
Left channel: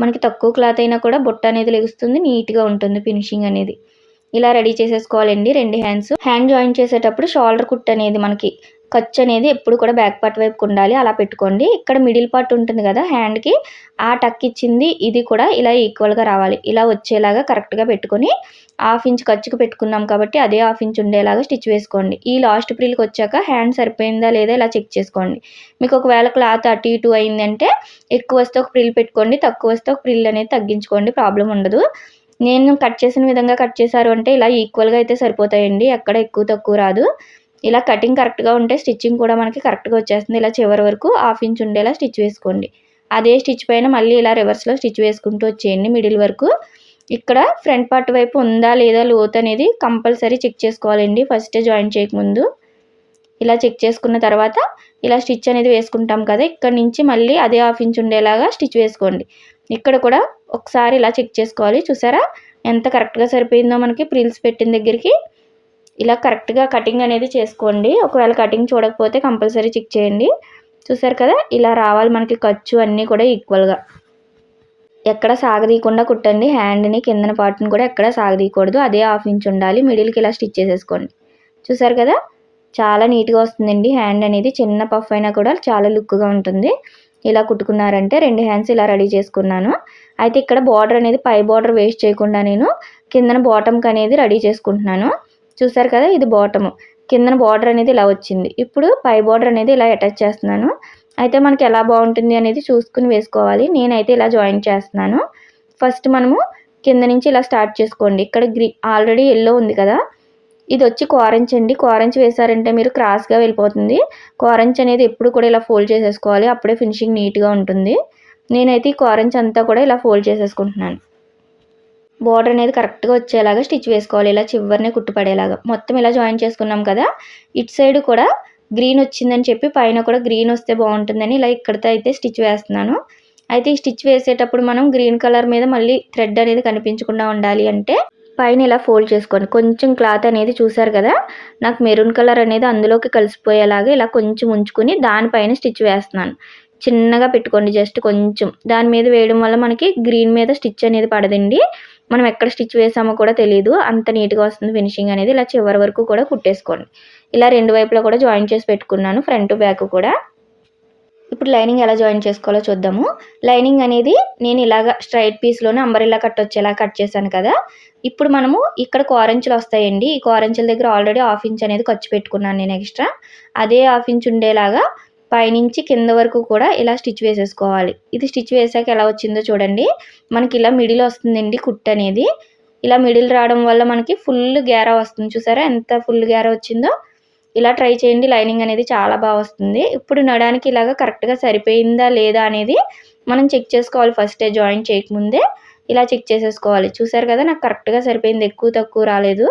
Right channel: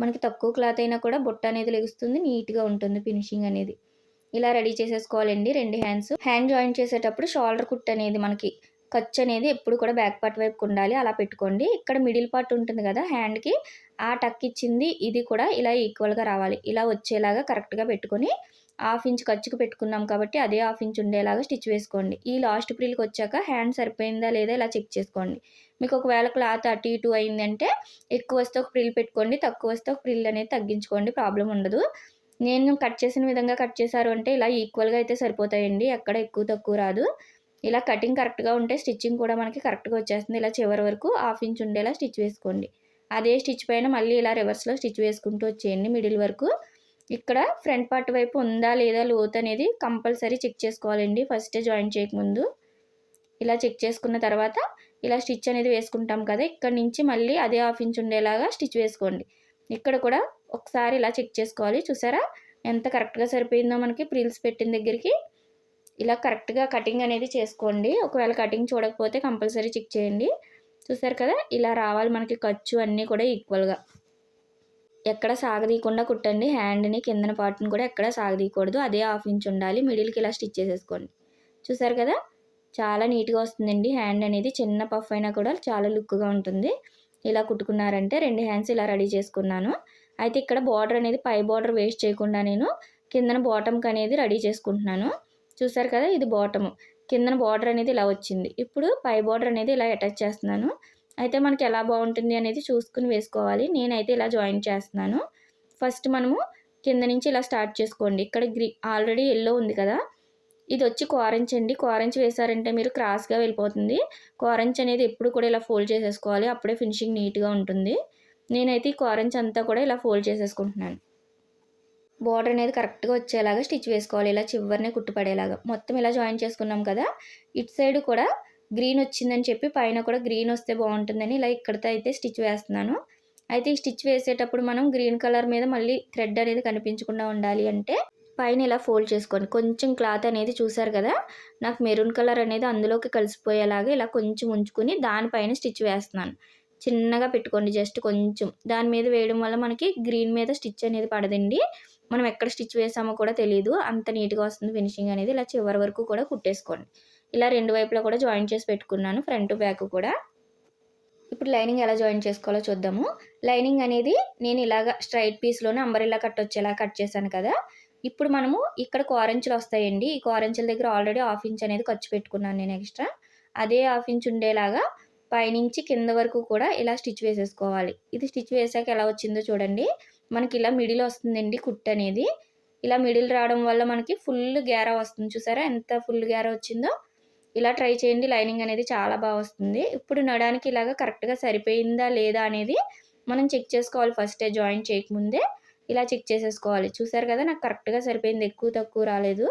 Speaker 1: మనకి తక్కువ క్లాత్ అయినా కూడా బుట్ట అనేది లెగుస్తుంది నీట్గా ఉంటుంది ఫినిషింగ్ అనేది. ఇలా రెడీ చేసేసుకోవాలండి రెండు హ్యాండ్స్ హ్యాండ్ జాయిన్ చేసేటప్పుడు షోల్డర్ కుట్ అనేది మనకి ఖర్చు అనేది ఎప్పుడు కూడా బ్యాక్ పార్ట్ వైపు ఉండాలి. అలా పెట్టుకోండి. ఇక్కడ మిడిల్ పార్ట్ ఉంటుంది కదా హ్యాండ్కి ఆ టక్ ఇచ్చింది ఇది కూడా ఇలా ఈక్వల్గా రావాలి. ఇలా వచ్చేలాగా కరెక్ట్గా పెట్టుకొని హాఫ్ ఇంచ్ ఖర్చుకు పెట్టుకున్నాం కాబట్టి అదే హాఫ్ ఇంచ్ ఉండేలాగా స్టిచ్ వేసుకోండి. ఈ లాస్ట్ ప్రిల్కి వచ్చాక హ్యాండ్ సరిపోయిందా లేదా ఇలా చెక్ చేసుకోండి. మీకు ఒకవేళ క్లాత్ అటు ఇటు అయిందంటే ఎక్కువ వస్తే ఒక ప్రిల్ పెట్టుకోండి తక్కువ వస్తే ఒక ప్రిల్ అనేది తగ్గించుకోండి ప్రాబ్లం ఉండదు. నేను కట్ చేసిన విధంగా కట్ చేశారు అంటే ఇలా ఈక్వల్గా అయితే సరిపోతాయండి. ఎక్కడ ఎక్కువ తక్కువ రాదు. ఇలా కటింగ్ కరెక్ట్గా ఉంటే స్టిచ్చింగ్ కూడా మనకి కరెక్ట్గా వచ్చేస్తుంది. ఇలా చివరి వరకు హాఫ్ ఇంచ్ ఉండేలా స్టిచ్ వేసుకోండి. అదే స్టిచ్ పైన మళ్ళీ ఇలా రివర్స్లో స్టిచ్ వేసుకుంటూ వచ్చేయండి. మిడిల్ వరకు ఇక్కడ ఫ్రంట్ పార్ట్ వైపు ఉందా లేదా లోత్ అనేది కంపల్సరీ చెక్ చేసుకోవాలండి. ఫస్ట్ జాయిన్ చేయకముందు ఇలా చెక్ చేసుకున్న తర్వాత ఇలా స్టిచ్ అనేది వేసుకుంటాం కదా ఇక్కడ నుంచి మళ్ళీ అదే హాఫ్ ఇంచ్ ఉండేలాగా స్టిచ్ వేసుకోండి. ఇక్కడ కూడా ఒకసారి ఇలా చెక్ చేసుకోవాలి. చూసారా? ఎంత కరెక్ట్గా సరిపోయిందో మనకి ప్రిల్స్ పెట్టిన దగ్గరికి ఇలా కరెక్ట్గా కటింగ్ అనేది చేసుకోండి. ఒకవేళ కటింగ్ చూడకపోతే కంపల్సరీ చెక్ చేయండి. చూసారు కదా? ఇలా రావాలి మనకి ఖర్చు అన్నీ కూడా ఈక్వల్గా ఎక్కడ సాగదీయకుండా కుట్టండి. హ్యాండ్ని కిందన పార్ట్ని కూడా ఎక్కడ సాగదీయకూడదు. అదే హాఫ్ ఇంచ్ ఉండాలి. మిడిల్కి ఇలా స్టిచ్ చేసేసుకోండి. చూసారు కదా? చాలా నీట్గా వస్తుందండి. హ్యాండ్ అనేది చిన్న పఫ్ అయినా కూడా చాలా లుక్గా ఉంటుంది. ఇలా కుట్టుకున్నారంటే రెండు హ్యాండ్స్ ఇలా రెడీ చేసుకున్నాను. అయితే ఇక్కడ బార్డర్ అనేది పై బార్డర్ వేస్ట్ చేయకుండా నేను కిందన బాటమ్కి అనేది రెడీ చేసుకుంటున్నాను. చూసారు కదా ఇది బాటము. కిందన బార్డర్ అనేది ఇలా వచ్చింది. ఇప్పుడు పై బార్డర్ అనేది ఇలా అటాచ్ చేస్తున్నాను. అయితే మనకి ఎలా బాగుంటుంది అనేది చూసుకుని వేసుకోవాలి. నేనైతే ఇలా జాయిన్ చేస్తున్నాను. ఫస్ట్ మనము కింద నుంచి ఇలా స్టార్ట్ చేసుకోండి. ఇక్కడ గ్రీ ఆల్రెడీ ఎల్లో ఉంది కదా. ఇది వచ్చి కోరంచ్ అండి. కోరంచ్ వేసారంటే మీరు క్రాస్గా వెళ్ళిపోతుంది. కోరంచ్ అనేది ఎప్పుడు కూడా ఇలా ఫోల్డ్ చేసేసుకోవాలి. అప్పుడే ఫినిషింగ్ నీట్గా ఉంటుంది. నేనైతే ఈ కోరంచ్ అంతా కూడా ఇలా ఫోల్డ్ చేసేసుకుంటున్నాను. బోర్డర్ అనేది కరెక్ట్గా వచ్చేలాగా స్టిచ్ వేసుకోవాలి. ఇలా చివరినే కుట్టుపడేలాగా. మొత్తం ఇలా జాయిన్ చేసుకున్నాం కదా ఇటు సైడ్ కూడా గ్రీన్ వచ్చిందని చెప్పి పైన కూడా గ్రీన్ వస్తే బాగుంటుందని ఇలా ఇక్కడితో అయితే స్టిచ్ వేస్తున్నాను. అయితే ఈ స్టిచ్ వేసేటప్పుడు మనం గ్రీన్ కలర్ మీద మళ్ళీ థ్రెడ్ అనేది కనిపించకుండా ఉండాలి అంటే పైన ఇలా ఫోల్డ్ చేసుకోండి. కొంచెం క్లాత్ అనేది చూసారు కదా నాకు మెరూన్ కలర్ అనేది అందులోకి కలిసిపోయేలాగా ఇలా కొంచెం ఉంచుకుని దానిపైన స్టిచ్ వేస్తున్నాను. చిన్నగా పెట్టుకోండి జస్ట్ కొంచెం. దాని మీద వేయడం వల్ల మనకి గ్రీన్ మీద స్టిచ్ అనేది పడదండి. మనం ఎక్కడ స్టిచ్ వేసామో కూడా తెలియదు అంత నీట్గా వస్తుంది ఫినిషింగ్ అనేది. ఇలా చివరి వరకు కూడా కుట్టేసుకోండి. ఇలా రెండు వైపులా కూడా జాయిన్ చేసి పెట్టుకున్నాను ఫ్రంట్ బ్యాక్ కూడా. ఇప్పుడు లైనింగ్ ఎలా జాయిన్ చేసుకోవాలో చూద్దాము. లైనింగ్ అనేది నేను ఇలాగ స్ట్రైట్ పీస్లోనే అంబరిలా కట్ వచ్చేలా కట్ చేశాను కదా. ఇప్పుడు మనము ఇక్కడ కోరంచులు వస్తాయండి. ఈ కోరంచుల దగ్గర ఆల్రెడీ హాఫ్ ఇంచ్ అనేది ఖర్చు పెట్టుకున్నాను నేను ఎక్స్ట్రా. అదే హాఫ్ ఇంచ్ ఉండేలాగా పైనుంచి కింద వరకు కూడా ఇలా స్టిచ్ వేసేసుకోవాలి. ఇది స్టిచ్ వేసాక ఎలా వచ్చిందో చూడండి. మనకి ఇలా మిడిల్ వస్తుందండి కుట్ అనేది. ఇలా మిడిల్ రావడం వల్ల మనకి ఫుల్ గ్యారా వస్తుంది. చూసారా? ఎంత ఫుల్ గ్యారా వచ్చిందో. ఇలా ట్రై చేయండి. లైనింగ్ అనేది చాలా బాగా వస్తుంది. ఇప్పుడు నడానికి ఇలాగ కరెక్ట్గా సరిపోయిందా లేదా అనేది మనం చెక్ చేసుకోవాలి. ఫస్టే జాయిన్ చేయకముందే ఇలా చెక్ చేసేసుకోవాలి. చూసారు కదా? నాకు కరెక్ట్గా సరిపోయింది. ఎక్కువ తక్కువ రాలేదు.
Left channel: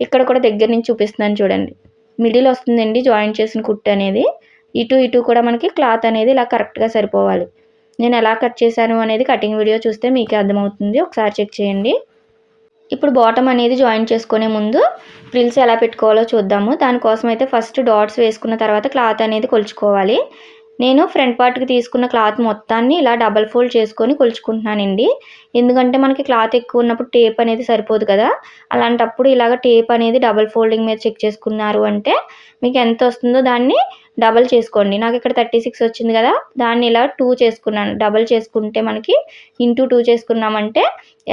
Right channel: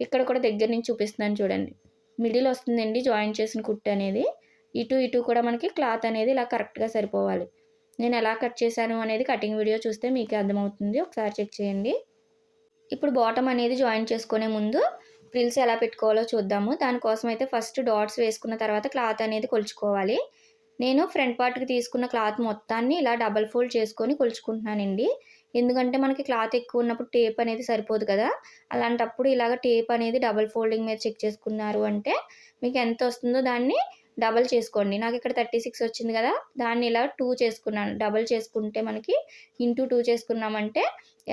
Speaker 1: ఇక్కడ కూడా దగ్గర నుంచి చూపిస్తున్నాను చూడండి. మిడిల్ వస్తుందండి జాయిన్ చేసిన కుట్టు అనేది. ఇటు ఇటు కూడా మనకి క్లాత్ అనేది ఇలా కరెక్ట్గా సరిపోవాలి. నేను ఎలా కట్ చేశాను అనేది కటింగ్ వీడియో చూస్తే మీకే అర్థమవుతుంది. ఒకసారి చెక్ చేయండి. ఇప్పుడు బాటమ్ అనేది జాయిన్ చేసుకునే ముందు ఫ్రిల్స్ ఎలా పెట్టుకోవాలో చూద్దాము. దానికోసం అయితే ఫస్ట్ డాట్స్ వేసుకున్న తర్వాత క్లాత్ అనేది కొలుచుకోవాలి. నేను ఫ్రంట్ పార్ట్కి తీసుకున్న క్లాత్ మొత్తాన్ని ఇలా డబల్ ఫోల్డ్ చేసుకొని కొలుచుకుంటున్నానండి. ఎందుకంటే మనకి క్లాత్ ఎక్కువ ఉన్నప్పుడు టేప్ అనేది సరిపోదు కదా. అలాంటప్పుడు ఇలాగ టేప్ అనేది డబల్ ఫోల్డింగ్ మీద చెక్ చేసుకున్నారు అంటే మీకు ఎంత వస్తుందో దాన్ని డబల్ చేసుకోండి. నాకు ఇక్కడ థర్టీ సిక్స్ వచ్చింది కదా దాన్ని ఇలా టూ చేసుకున్నాను. డబల్ చేసుకుంటే మనకి ఇంటూ టూ చేసుకున్నామంటే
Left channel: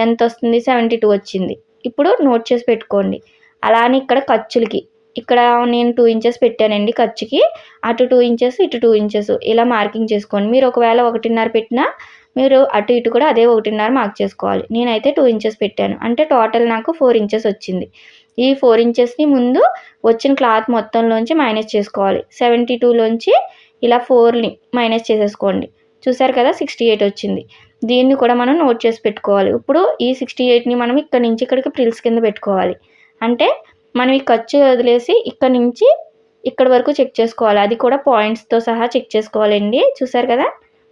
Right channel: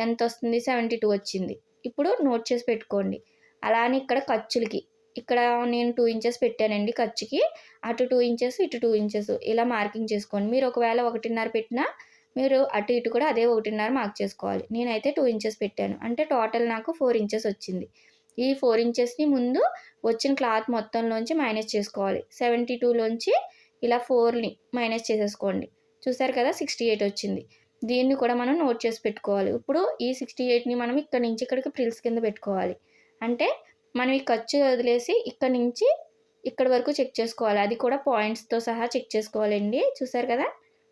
Speaker 1: ఎంత వస్తుంది? సెవెంటీ టూ వచ్చింది. ఇప్పుడు నోట్ చేసి పెట్టుకోండి. అలానే ఇక్కడ ఖర్చులకి. ఇక్కడ నేను టూ ఇంచెస్ పెట్టానండి ఖర్చుకి. అటు టూ ఇంచెస్ ఇటు టూ ఇంచెస్. ఇలా మార్కింగ్ చేసుకోండి. మీరు ఒకవేళ ఒకటిన్నర పెట్టినా మీరు అటు ఇటు కూడా అదే ఒకటిన్నర మార్క్ చేసుకోవాలి. నేనైతే టూ ఇంచెస్ పెట్టాను. అంటే టోటల్ నాకు ఫోర్ ఇంచెస్ వచ్చింది. ఈ ఫోర్ ఇంచెస్ని ముందు వచ్చిన క్లాత్ మొత్తంలోంచి మైనస్ చేసుకోవాలి. సెవెంటీ టూలోంచి ఇలా ఫోర్ని మైనస్ చేసేసుకోండి. చూసారు కదా సిక్స్టీ ఎయిట్ వచ్చింది. దీన్ని కూడా మనం నోట్ చేసి పెట్టుకోవాలి. ఇప్పుడు ఈ సిక్స్టీ ఎయిట్ని మనం ఇక్కడ నుంచి ఇక్కడికి ప్రిల్స్ కింద పెట్టుకోవాలి. అంటే మనం ఈ ఖర్చు వదిలేసి ఇక్కడ నుంచి ఇక్కడ వరకు చెక్ చేసుకోవాలి. అది కూడా పాయింట్స్తో సహా చెక్ చేసుకోవాలండి. చూసారు కదా?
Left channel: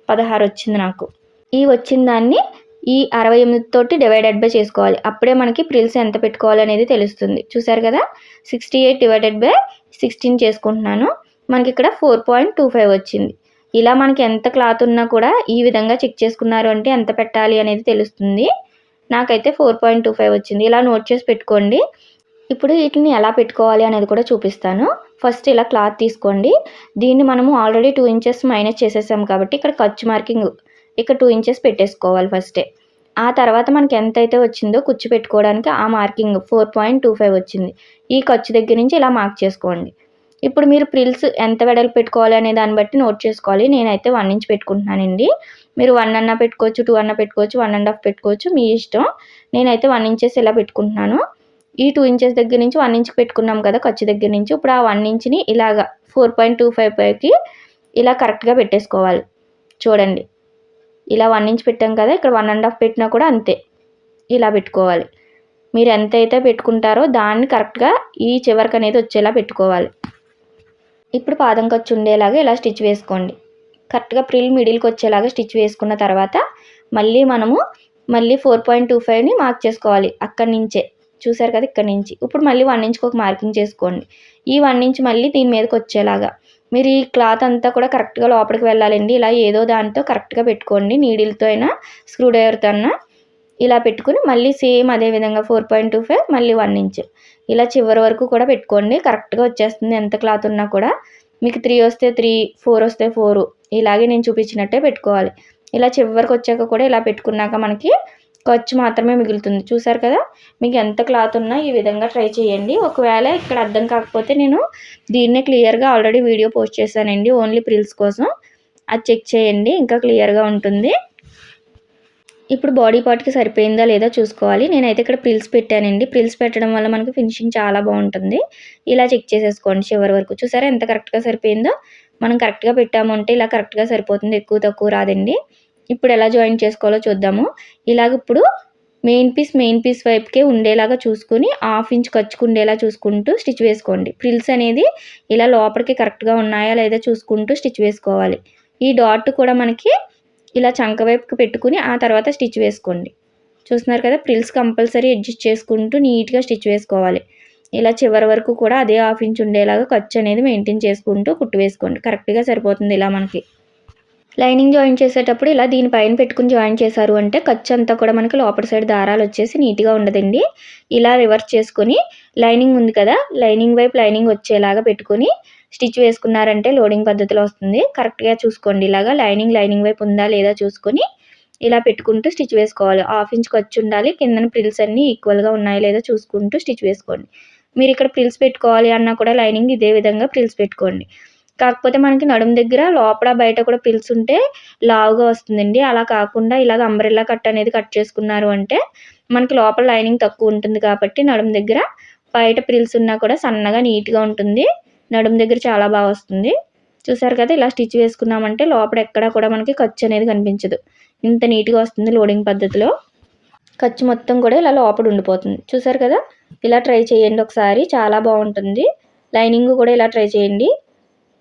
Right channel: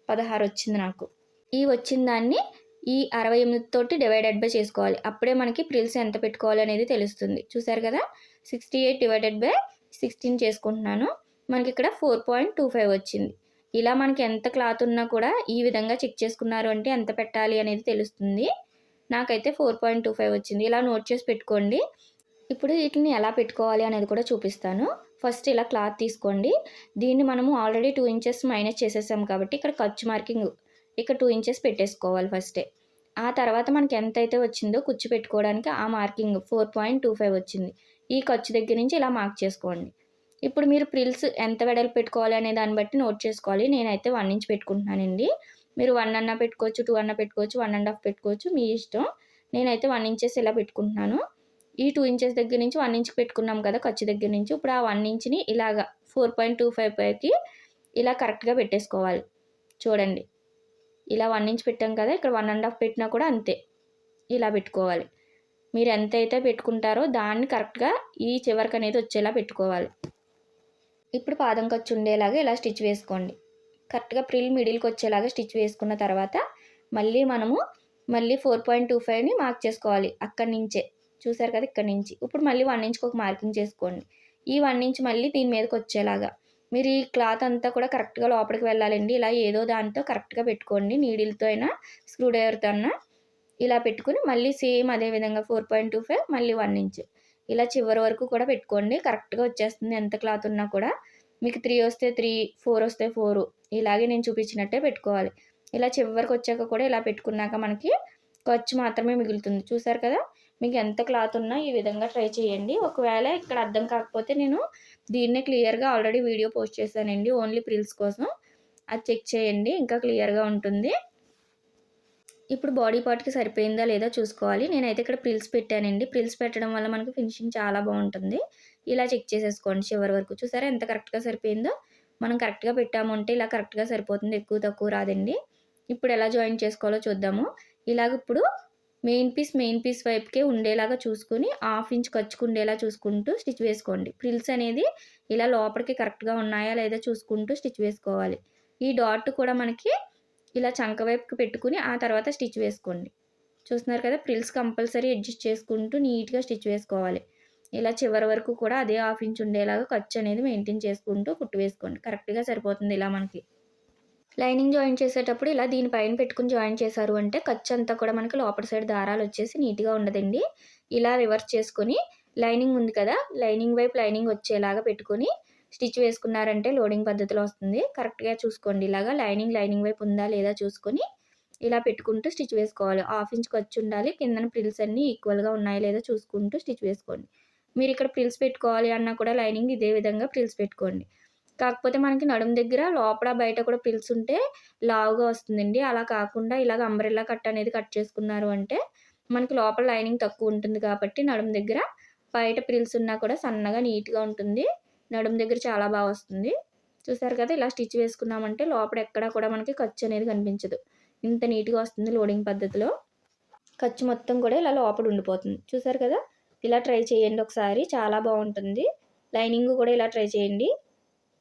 Speaker 1: పదహారు వచ్చింది నాకు. ఈ వచ్చిన దాన్ని ఈ అరవై ఎనిమిది తోటి డివైడెడ్ బై చేసుకోవాలి. అప్పుడే మనకి ప్రిల్స్ ఎంత పెట్టుకోవాలి అనేది తెలుస్తుంది. చూసారు కదా? Sixty eight divided by sixteen చేసుకుంటున్నాను. మనకి ఇక్కడ ఫోర్ పాయింట్ టూ ఫైవ్ వచ్చింది. ఇలా మనకి ఎంత క్లాత్ ఉన్నా కూడా ఈ విధంగా చెక్ చేసుకున్నారు అంటే ఎంత పెట్టాలి అనేది తెలుస్తుంది. నాకైతే ఫోర్ పాయింట్ టూ ఫైవ్ వచ్చింది. ఇలా నోట్ చేసి పెట్టుకోండి. ఇప్పుడు వీటిని ఎలా పెట్టుకోవాలి అనేది కూడా చూపిస్తాను. ఫస్ట్ ఇలా క్లాత్ తీసుకోండి. దీన్ని మనము ఆల్రెడీ టూ ఇంచెస్ మైనస్ చేసేసాం కాబట్టి ఇక్కడ ఖర్చు మార్కింగ్ ఇక టూ ఇంచెస్ పెట్టేసుకోవాలి ఫస్టే ఆ తర్వాత మనకి ఎంత అయితే వచ్చిందో కుచ్చు పెట్టుకోవడానికి ఆ marking four point two five వచ్చింది. ఈ ఖర్చు దగ్గర నుంచి ఇలా మార్క్ చేసుకోండి. ఇప్పుడు మీరు ప్రిల్స్ ఎంత వెడల్పు పెట్టుకోవాలి అనే దాన్ని బట్టి నోట్ చేసుకోవాలి. నేనైతే వన్ ఇంచ్ పెట్టుకుంటున్నానండి. మీరు వన్ అన్న పెట్టుకోవచ్చు టూ అన్న పెట్టుకోవచ్చు వన్ అండ్ హాఫ్ పెట్టుకోవచ్చు మీ ఇష్టం. నేనైతే వన్ ఇంచెస్ ఇలా పెట్టుకుంటున్నాను. ఈ టూ ఇంచెస్ దగ్గర నుంచి వన్ ఇంచ్ పెట్టుకున్నాం కదా ఖర్చు దగ్గర నుంచి. ఇప్పుడు ఆ వన్ ఇంచ్ని ఇలాగా ఫోర్ పాయింట్ టూ ఫైవ్ పైకి ఇలా కరెక్ట్గా పెట్టేసుకోవాలి. చూడండి. ఇలా వన్ ఇంచ్ పెట్టాం కదా ఇక్కడ వన్ అండ్ హాఫ్ పెట్టినా కూడా అంతే. ఇలా పెట్టుకోవాలి. మీరు ఎంత అయితే పెట్టుకుంటారో దాన్ని కరెక్ట్గా ఈ చివరికి అనేది వచ్చేలా పెట్టుకోవాలి. ఇప్పుడు పాదం ఖర్చు ఉండేలాగా ఇలా స్టిచ్ వేసుకోండి. కరెక్ట్గా ప్రిల్ మిడిల్కి వచ్చేలాగా స్టిచ్ వేసుకున్న తర్వాత మళ్ళీ మనము మళ్ళీ ఫోర్ పాయింట్ టూ ఫైవ్ని మార్క్ చేసుకోవాలి అక్కడి నుంచే. చూసారు కదా ఇక్కడ నుంచి. ఇప్పుడు మళ్ళీ వన్ ఇంచ్కి ఒక మార్కింగ్ చేసుకోండి. ఈ వన్ ఇంచ్ మళ్ళీ దీని మీదకి వచ్చేలాగా. మీరు ఈ క్లాత్ అంతా కూడా కరెక్ట్గా లోపలికి వెళ్ళాలండి. ఇలా ఏదో దాంతో కరెక్ట్గా పెట్టుకోండి. నీడిల్తో అయినా స్క్రూడ్రైవర్తో అయినా ఇలా పెట్టుకుని మళ్ళీ సేమ్ అదే విధంగా ఫోర్ పాయింట్ టూ ఫైవ్ మళ్ళీ వన్ ఇంచ్. ఇలా చివరి వరకు కూడా పెట్టుకోండి. కరెక్ట్గా వచ్చేస్తుంది ఎంత క్లాత్ ఉన్నా కూడా. మీకు త్రీ వస్తే త్రీ ఫోర్ వస్తే ఫోర్. ఇలాగే నేను చూపించినట్టే పెట్టుకోవాలి. ఇలా చివరికి వచ్చాక కూడా ఇలా పెట్టుకున్నాక మనకి ఖర్చు మాత్రమే మిగులుతుంది. చూసారు కదా? మీకు ఎంత క్లాత్ ఉన్నా ఈ విధంగా ట్రై చేయండి. ఒకవేళ ఇక్కడ అర్థం కాకపోతే నేను దీన్నే క్లియర్గా ఆల్రెడీ వీడియో పోస్ట్ చేశానండి. ఓన్లీ ప్రిల్స్ కోసం. అది చెక్ చేయండి. ఇంకా క్లియర్గా ఉంటుంది. ఇప్పుడు బాడీ పార్ట్కి సరిపోయిందా లేదా చూసుకోవాలి. నేనైతే ఇక్కడ ప్రిల్స్ పెట్టానండి. ప్రిల్స్ పెట్టడం వల్ల మనకి ఫినిషింగ్ చాలా బాగుంటుంది. ఇలా చెక్ చేసేసుకోండి చివరి వరకు. చూసారా? ఎంత కరెక్ట్గా సరిపోయిందో? మనం కరెక్ట్గా పెట్టామంటే ఇలా కరెక్ట్గా సరిపోతుంది. ఎక్కువ తక్కువ రాదండి. ఇప్పుడు ఎలా జాయిన్ చేసుకోవాలో చూద్దాము. ఇలాగ ఇప్పుడు మెయిన్ పీస్ మెయిన్ పీస్ వైపుకే ఉండేలాగా చూసుకుని హాఫ్ ఇంచ్ ఖర్చుకుండేలా చూసుకుంటూ స్టిచ్ వేసుకోండి. ప్రిల్స్ అనేది ఇలా లోపలికి కరెక్ట్గా ఉన్నాయా లేదా చూసుకుంటూ స్టిచ్ వేసుకోవాలి. ఈ డాట్ కూడా మనకి ఇలా చంక వైపుకి పెట్టుకుని ఆ తర్వాత స్టిచ్ వేసుకోండి. చూస్తున్నారు కదా ప్రిల్స్ కంపల్సరీ అడ్జస్ట్ చేసుకుంటూ నీట్గా స్టిచ్ వేసుకోవాలి. ఇలా చివరి వరకు కూడా అదే హాఫ్ ఇంచ్ ఉండేలాగా ఖర్చు అనేది మెయింటైన్ చేసుకుంటూ కుట్టు వేసుకోండి. కరెక్ట్గా సరిపోతుంది ఇలా మనకి. లైనింగ్ జాయిన్ చేసేటప్పుడు ఇలా దీనిపైన పెట్టుకుని జాయిన్ చేశారు అంటే ఖర్చు అంతా కూడా మనకి లోపల సైడ్ దారాలు వచ్చేసి నీట్గా ఉండదండి. ఇలా రివర్స్ చేసుకొని లైనింగ్ ఉంది కదా లైనింగ్ వైపు లైనింగ్ వచ్చేలాగా పెట్టుకొని స్టిచ్ వేసుకున్నారంటే లోడింగ్ పద్ధతిలో వస్తుంది. కరెక్ట్గా చూసుకోండి. ఇలాగా లైనింగ్ లైనింగ్ వైపు ఉందా లేదా చూసుకొని ఇలా పెట్టుకుంటూ స్టిచ్ వేసుకోవాలి. హాఫ్ ఇంచ్ ఖర్చు ఉండాలి కిందన ప్రిల్స్ అన్నీ ఈక్వల్గా ఉన్నాయా లేదా చూసుకుంటూ స్టిచ్ వేసుకోండి. మీరు ఇక్కడ ప్రిల్స్ పెట్టుకోవాలి అన్నా కూడా లైనింగ్ ఇదే విధంగా ప్రిల్స్ పెట్టుకోండి. కాకపోతే మనకి నడుము దగ్గర లోపల బయట కూడా పిల్స్ ఉంటే లావుగా వస్తుందండి. అలా కాకుండా ఇలాగ అంబ్రెల్లా కట్ అనేది కట్ చేసుకున్నారు అంటే మనకి లోపల లైనింగ్ తక్కువ ఉంటుంది కాబట్టి నడుము దగ్గర బయట ప్రిల్స్ ఉన్నా కూడా సన్నగా నీట్గా ఉంటుంది. నడుము దగ్గర చాలా బాగా వస్తుంది. చూసారు కదా ఇలా స్టిచ్ వేసుకున్నామంటే లోపల ఎక్కడ కూడా మనకి ఖర్చు అనేది కనిపించదు. ఇంత నీట్గా వస్తుంది లోడింగ్ పద్ధతిలో. ఖర్చు మొత్తం కూడా ఇలా లోపల ఉండిపోతుంది. చూసారు కదా ఇలా ట్రై చేయండి ఒకసారి. చాలా బాగుంటుంది. లైనింగ్ కూడా ఇలా ట్రై చేయండి.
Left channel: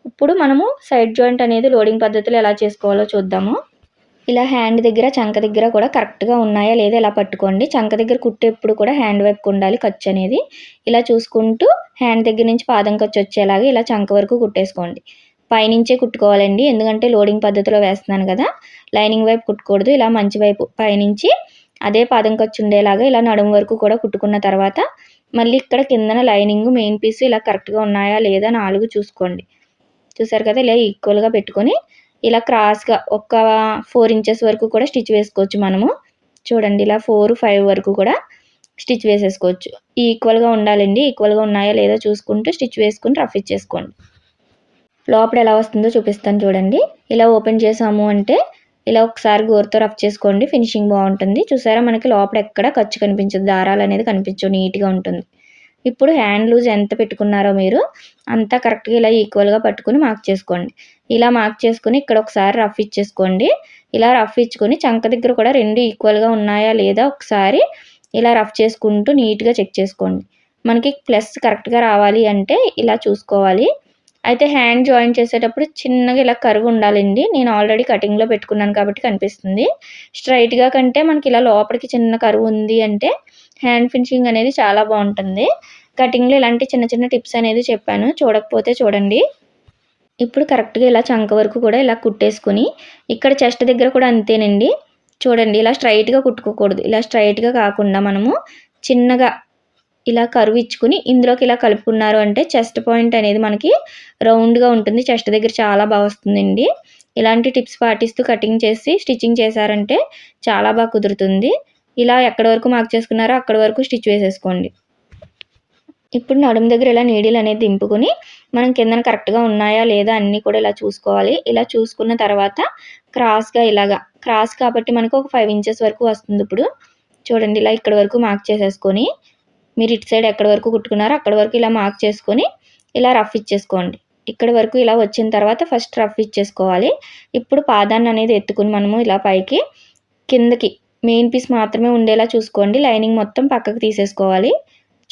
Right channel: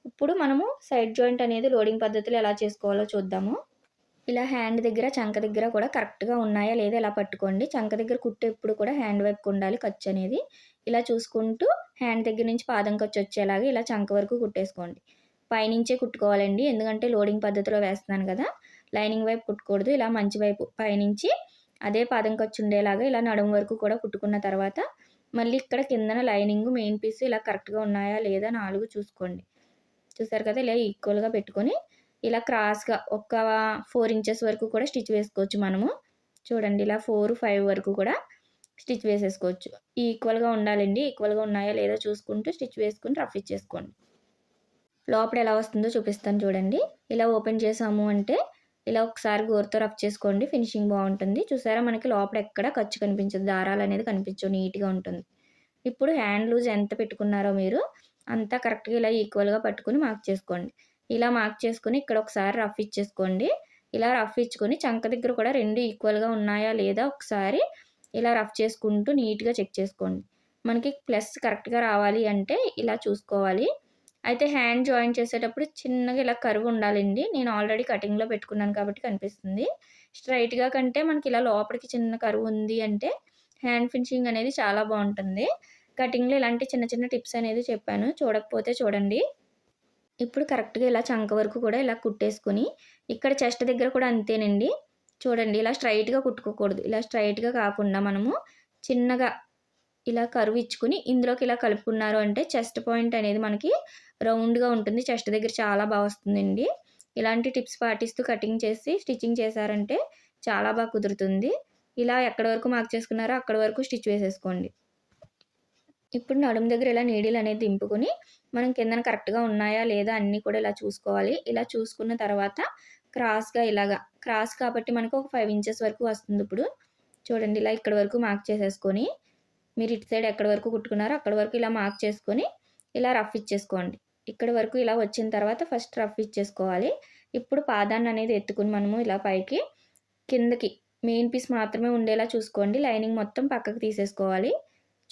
Speaker 1: ఇప్పుడు మనము సైడ్ జాయింట్ అనేది లోడింగ్ పద్ధతిలో ఎలా చేసుకోవాలో చూద్దాము. ఇలా హ్యాండ్ దగ్గర చంక దగ్గర కూడా కరెక్ట్గా ఉన్నాయా లేదా ఇలా పట్టుకోండి. చంక దగ్గర కుట్టేప్పుడు కూడా హ్యాండ్ వైపుకి ఉండాలి ఖర్చు అనేది. ఇలా చూసుకుంటూ హ్యాండ్ దగ్గర నుంచి పాదం ఖర్చు వచ్చేలాగా ఇలా చంక వరకు కుట్టేసుకోండి. పైనుంచే కుట్టుకోవాలండి. ఎందుకంటే లోడింగ్ పద్ధతిలో వేస్తున్నాను కదా. లైనింగ్ వైపు కుట్టకూడదు. ఇలా మంచి వైపు పైనుంచి అదే పాదం ఖర్చు ఉండేలాగా ఇలా నడుము వరకు కూడా కుట్టుకున్న తర్వాత మళ్ళీ ఇక్కడ కిందన లైనింగ్ మెయిన్ పీస్ ఇలా కరెక్ట్గా ఉన్నాయా లేదా నాలుగు చూసుకోండి. చూసారు కదా ఇలా ఈక్వల్గా పెట్టుకొని ఇలా క్రాస్గా ఒక ఫోర్ ఇంచెస్ వరకు కూడా స్టిచ్ వేసుకోవచ్చు మనము. చూడండి ఇలా ఫోర్ ఫైవ్ వరకు కూడా స్టిచ్ వేసేసుకోవచ్చు. ఈక్వల్గా ఉండాలండి. ఈక్వల్గా ఉన్నాయా లేదా చూసుకుంటూ స్టిచ్ వేసుకుని రఫ్ ఇచ్చేసుకోండి. లోపల ఎలా వస్తుందో చూపిస్తాను చూడండి. ఇలా ఓపెన్ చేసాము అంటే ఇలా ఒకసారి గోరుతో రఫ్ చేసుకోండి. ఫినిషింగ్ బాగుంటుంది. చూసారా మనకి లోపల ఎక్కడ ఖర్చు కనిపించదు. దారాలు అనేది కనిపించవు. నీట్గా ఉంటుంది. ఇప్పుడు హ్యాండ్ లూజ్ ఎంత పెట్టుకున్నారో మీరు అంతా కరెక్ట్గా ఇలా ఈక్వల్గా పట్టుకుని మార్క్ చేసుకోండి. ఇలా మార్క్ చేసుకుని ఇక్కడ ఒకసారి రఫ్ ఇచ్చేసుకోండి. ఇలా రఫ్ ఇచ్చుకొని చంక దగ్గర కూడా రెండు ఈక్వల్గా ఉన్నాయా లేదా ఒకసారి ఇలా రఫ్ చేసుకుంటూ నీట్గా చెక్ చేసుకోండి. మనకి ప్లస్ కరెక్ట్గా రావాలి అంటే ఇలా చూసుకోవాలి. అయితే హ్యాండ్ జాయిన్ చేసేటప్పుడు చిన్నగా ఇలా కరువు ఉండాలండి. నేను ఆల్రెడీ కటింగ్లో పెట్టుకున్నాను కాబట్టి కనిపిస్తుంది. స్ట్రైట్గా కంటే మనకి ఇలా లోపలికి చిన్న కరువు ఉంది అంటే హ్యాండ్ ఫినిషింగ్ అనేది చాలా బాగుంటుంది. కటింగ్లో ఇలాంటి చిన్న చిన్న టిప్స్ అనేది చెప్పాను. చూడకపోతే చూడండి. ఇప్పుడు కరెక్ట్గా ఇలా చంక వరకు కూడా ఇలా కుట్టేసుకుని ఇక్కడ చెస్ట్ దగ్గర కూడా అంతేనండి. చూడండి ఇలా స్ట్రైట్గా కుట్టుకోకూడదు. ఇలా స్ట్రైట్గా కాకుండా మనము చిన్నగా ఇలా కరువు ఇచ్చుకుని ఇందులోకి ఇలా కలుపుకున్నారు అంటే చెస్ట్ పాయింట్ అనేది మనకి రౌండ్గా ఉంటుంది. చెస్ట్ దగ్గర చాలా బాగా వస్తుందండి. ఇలాంటి టిప్స్ పాటిస్తూ కటింగ్ చేసి స్టిచ్చింగ్ చేశారంటే చాలా బాగా కుదురుతుంది. ఇలా ఎక్కడి వరకు మార్క్ చేసుకున్నారో అక్కడి వరకు స్టిచ్ వేసేసుకోండి. ఇప్పుడు నడుము దగ్గర ఇలా నీడిల్ అనేది దింపుకొని మనం కిందన కరెక్ట్గా ఉన్నాయా లేదా అన్నీ కూడా ఇలా చూసుకోవాలి. ఇలా చూసుకున్న తర్వాత క్రాస్గా ఇలాగా క్రాస్ కాబట్టి మనకు ఒక ఫైవ్ ఇంచెస్ వరకు వస్తుంది ఇప్పుడు. చూడండి ఇలా ఇక్కడ వరకు మార్క్ చేసేసుకొని మీరు ఇటు సైడ్ ఎక్కడి వరకు కుట్టుకున్నారో అక్కడ వరకు ఇలా మార్క్ చేసుకొని ఇలా రఫ్ ఇచ్చేసుకోండి. ఇక్కడ వరకు ఇలా వచ్చిన తర్వాత ఫస్ట్ రఫ్ ఇచ్చేసుకోవాలి. ఇప్పుడు పాదాన్ని అనేది ఎత్తుకుని మనము ఇలా పైకి కిందకి మెయిన్ పీస్ మాత్రమే ఉండేలా చూసుకోండి. లైనింగ్ మొత్తం పక్కకు తీసేసుకోవాలి.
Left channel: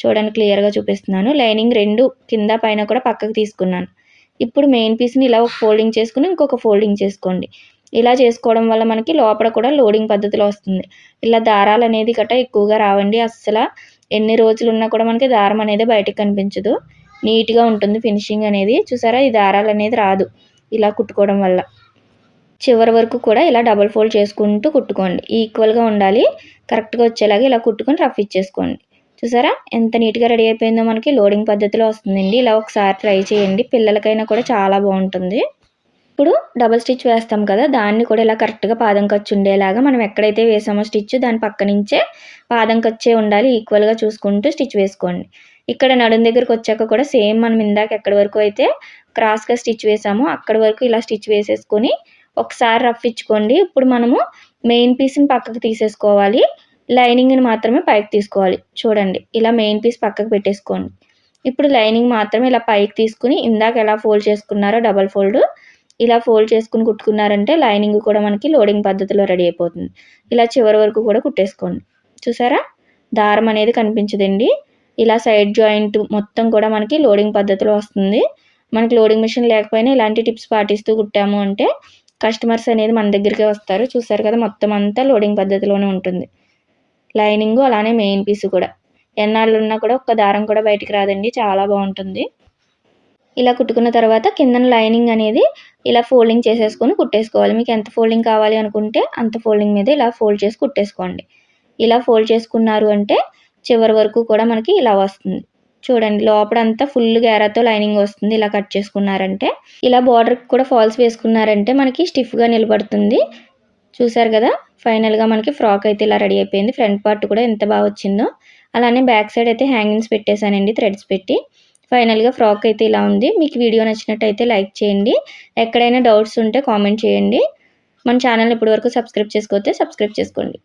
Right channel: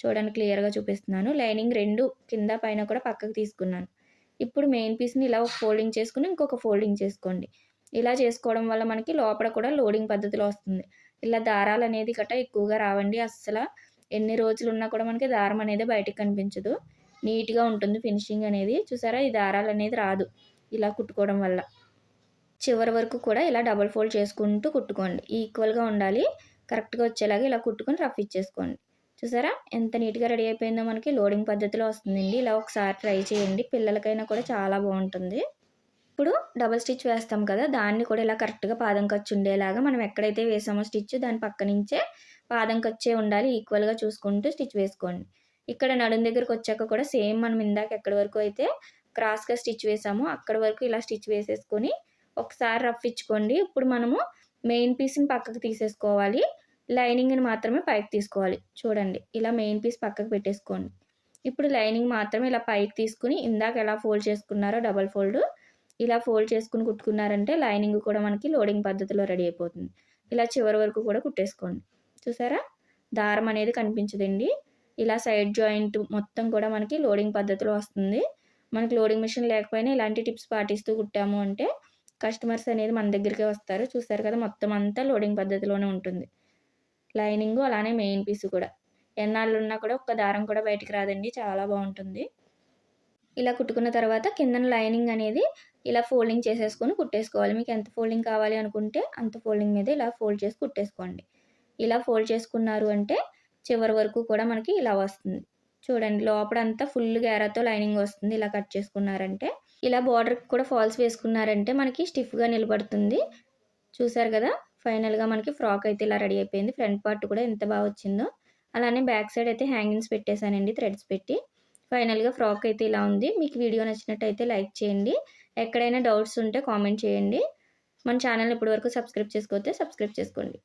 Speaker 1: చూడండి క్లియర్గా చూపిస్తున్నాను. లైనింగ్ రెండు కింద పైన కూడా పక్కకు తీసుకున్నాను. ఇప్పుడు మెయిన్ పీస్ని ఇలా ఒక ఫోల్డింగ్ చేసుకుని ఇంకొక ఫోల్డింగ్ చేసుకోండి. ఇలా చేసుకోవడం వల్ల మనకి లోపల కూడా లోడింగ్ పద్ధతిలో వస్తుంది. ఇలా దారాలు అనేది గట్రా ఎక్కువగా రావండి. అస్సలు ఎన్ని రోజులు ఉన్నా కూడా మనకి దారం అనేది బయటకు కనిపించదు. నీట్గా ఉంటుంది ఫినిషింగ్ అనేది. చూసారా? ఈ దారాలు అనేది రాదు ఇలా కుట్టుకోవడం వల్ల. చివరి వరకు కూడా ఇలా డబుల్ ఫోల్డ్ చేసుకుంటూ కుట్టుకోండి. ఈక్వల్గా ఉండాలి. కరెక్ట్గా వచ్చేలాగా ఇలా కుట్టుకొని రఫ్ ఇచ్చేసుకోండి. చూసారా? ఎంత నీట్గా రెడీ అయిపోయిందో మనకి లోడింగ్ పద్ధతిలో వస్తుందండి. ఇలా ఒకసారి ట్రై చేయండి. పిల్లలకైనా కూడా చాలా బాగుంటుంది. ఇప్పుడు డబల్ స్టిచ్ వేస్తాం కదా దాన్ని కూడా ఇలా కరెక్ట్గా పాదం ఖర్చు ఉండేలాగా మనం ఎక్కడైతే వేసామో స్టిచ్ దాని పక్క నుంచే పాదం ఖర్చే ఉండాలి. ఈక్వల్గా చూసుకుంటూ స్టిచ్ వేసుకోండి. ఇక్కడ నడుం దగ్గరకు వచ్చాక కూడా సేమ్ మనం ఇందాక ఎక్కడి వరకు అయితే క్రాస్గా స్టిచ్ వేసామో అక్కడి వరకు ఇలా స్టిచ్ వేసేసుకొని ఒకసారి రఫ్ ఇచ్చుకోండి. ఇప్పుడు మనము మెయిన్ పీస్ని పక్కకు తీసేసుకోవాలి. లైనింగ్ని మాత్రమే పైకి తీసుకోవాలి. చూడండి ఇలా మెయిన్ పీస్ పక్కకు పెట్టేసుకోండి. ఇప్పుడు లైనింగ్ మాత్రమే ఇలా పైకి తీసుకుని ఇందాక ఎలా ఫోల్డ్ చేసుకున్నారో డబల్ ఫోల్డ్ ఇలా ఫోల్డ్ చేసుకుని కుట్టుకున్నారంటే లైనింగ్ కూడా మనకి లోడింగ్ పద్ధతిలో రెడీ అయిపోతుంది. ఇలా చివరి వరకు కూడా కుట్టేసుకోండి. చూసారా? దారం అనేది కనిపించదండి. ఇలా సైడ్ జాయింట్ మొత్తం కూడా మనకి లోడింగ్ పద్ధతిలో వస్తుంది. మనకి లోడింగ్ మిషన్ లేకపోయినా ఇలాంటి టిప్స్ పాటిస్తూ కుట్టాము అంటే కస్టమర్స్ అనేది మన దగ్గరికే వస్తారు. చూసారు కదా మొత్తం అంతా లోడింగ్ పద్ధతిలోనే ఉంటుంది. లైనింగ్ అలానే మెయిన్ పీస్ కూడా. ఎన్నాళ్ళు ఉన్నా కూడా ఒక్క దారం కూడా బయటికి రాదండి. చాలా బాగుంటుంది. ఇలా కుట్టుకున్న తర్వాత కిందన లైనింగ్ అనేది ఇలా ఫోల్డింగ్ చేసేసుకొని కుట్టేసుకోవాలి. మీకు ఎంత ఫోల్డింగ్ కావాలి అనుకుంటే అంత ఫోల్డింగ్ మీద ఇలా ఫోల్డ్ చేసి కుట్టేసుకోండి. ఇలా ఫోల్డ్ చేసుకున్నారు అంటే చివరి వరకు కూడా మనకి ఇలా వస్తుంది. చూడండి లోపల అంతా ఫుల్ గేరాతో లైనింగ్ వస్తుంది. ఇలా కట్ చేసుకున్నారంటే ఇలా బార్డర్కి కూడా ఫాల్స్ వేసుకున్నారంటే మనకి స్టిఫ్గా నిలబడుతుంది. చూసారు కదా? ఫైనల్గా మనకి ఫ్రాక్ అయితే ఇలా రెడీ అయిపోయింది. ఫ్రంట్ పార్ట్ కూడా ఎంత బాగా వచ్చిందో అలానే బ్యాక్ సైడ్ అయితే హ్యాంగింగ్స్ పెట్టేశానండి థ్రెడ్స్ పెట్టి. ఫైనల్గా ఫ్రాక్ అయితే ఇలా ఉంది. మీకు వీడియో నచ్చినట్టయితే లైక్ చేయండి. ఎక్కడైనా డౌట్స్ ఉంటే కామెంట్ చేయండి. మన ఛానల్ ఇప్పటివరకు సబ్స్క్రైబ్ చేసుకోతే సబ్స్క్రైబ్ చేసుకోండి.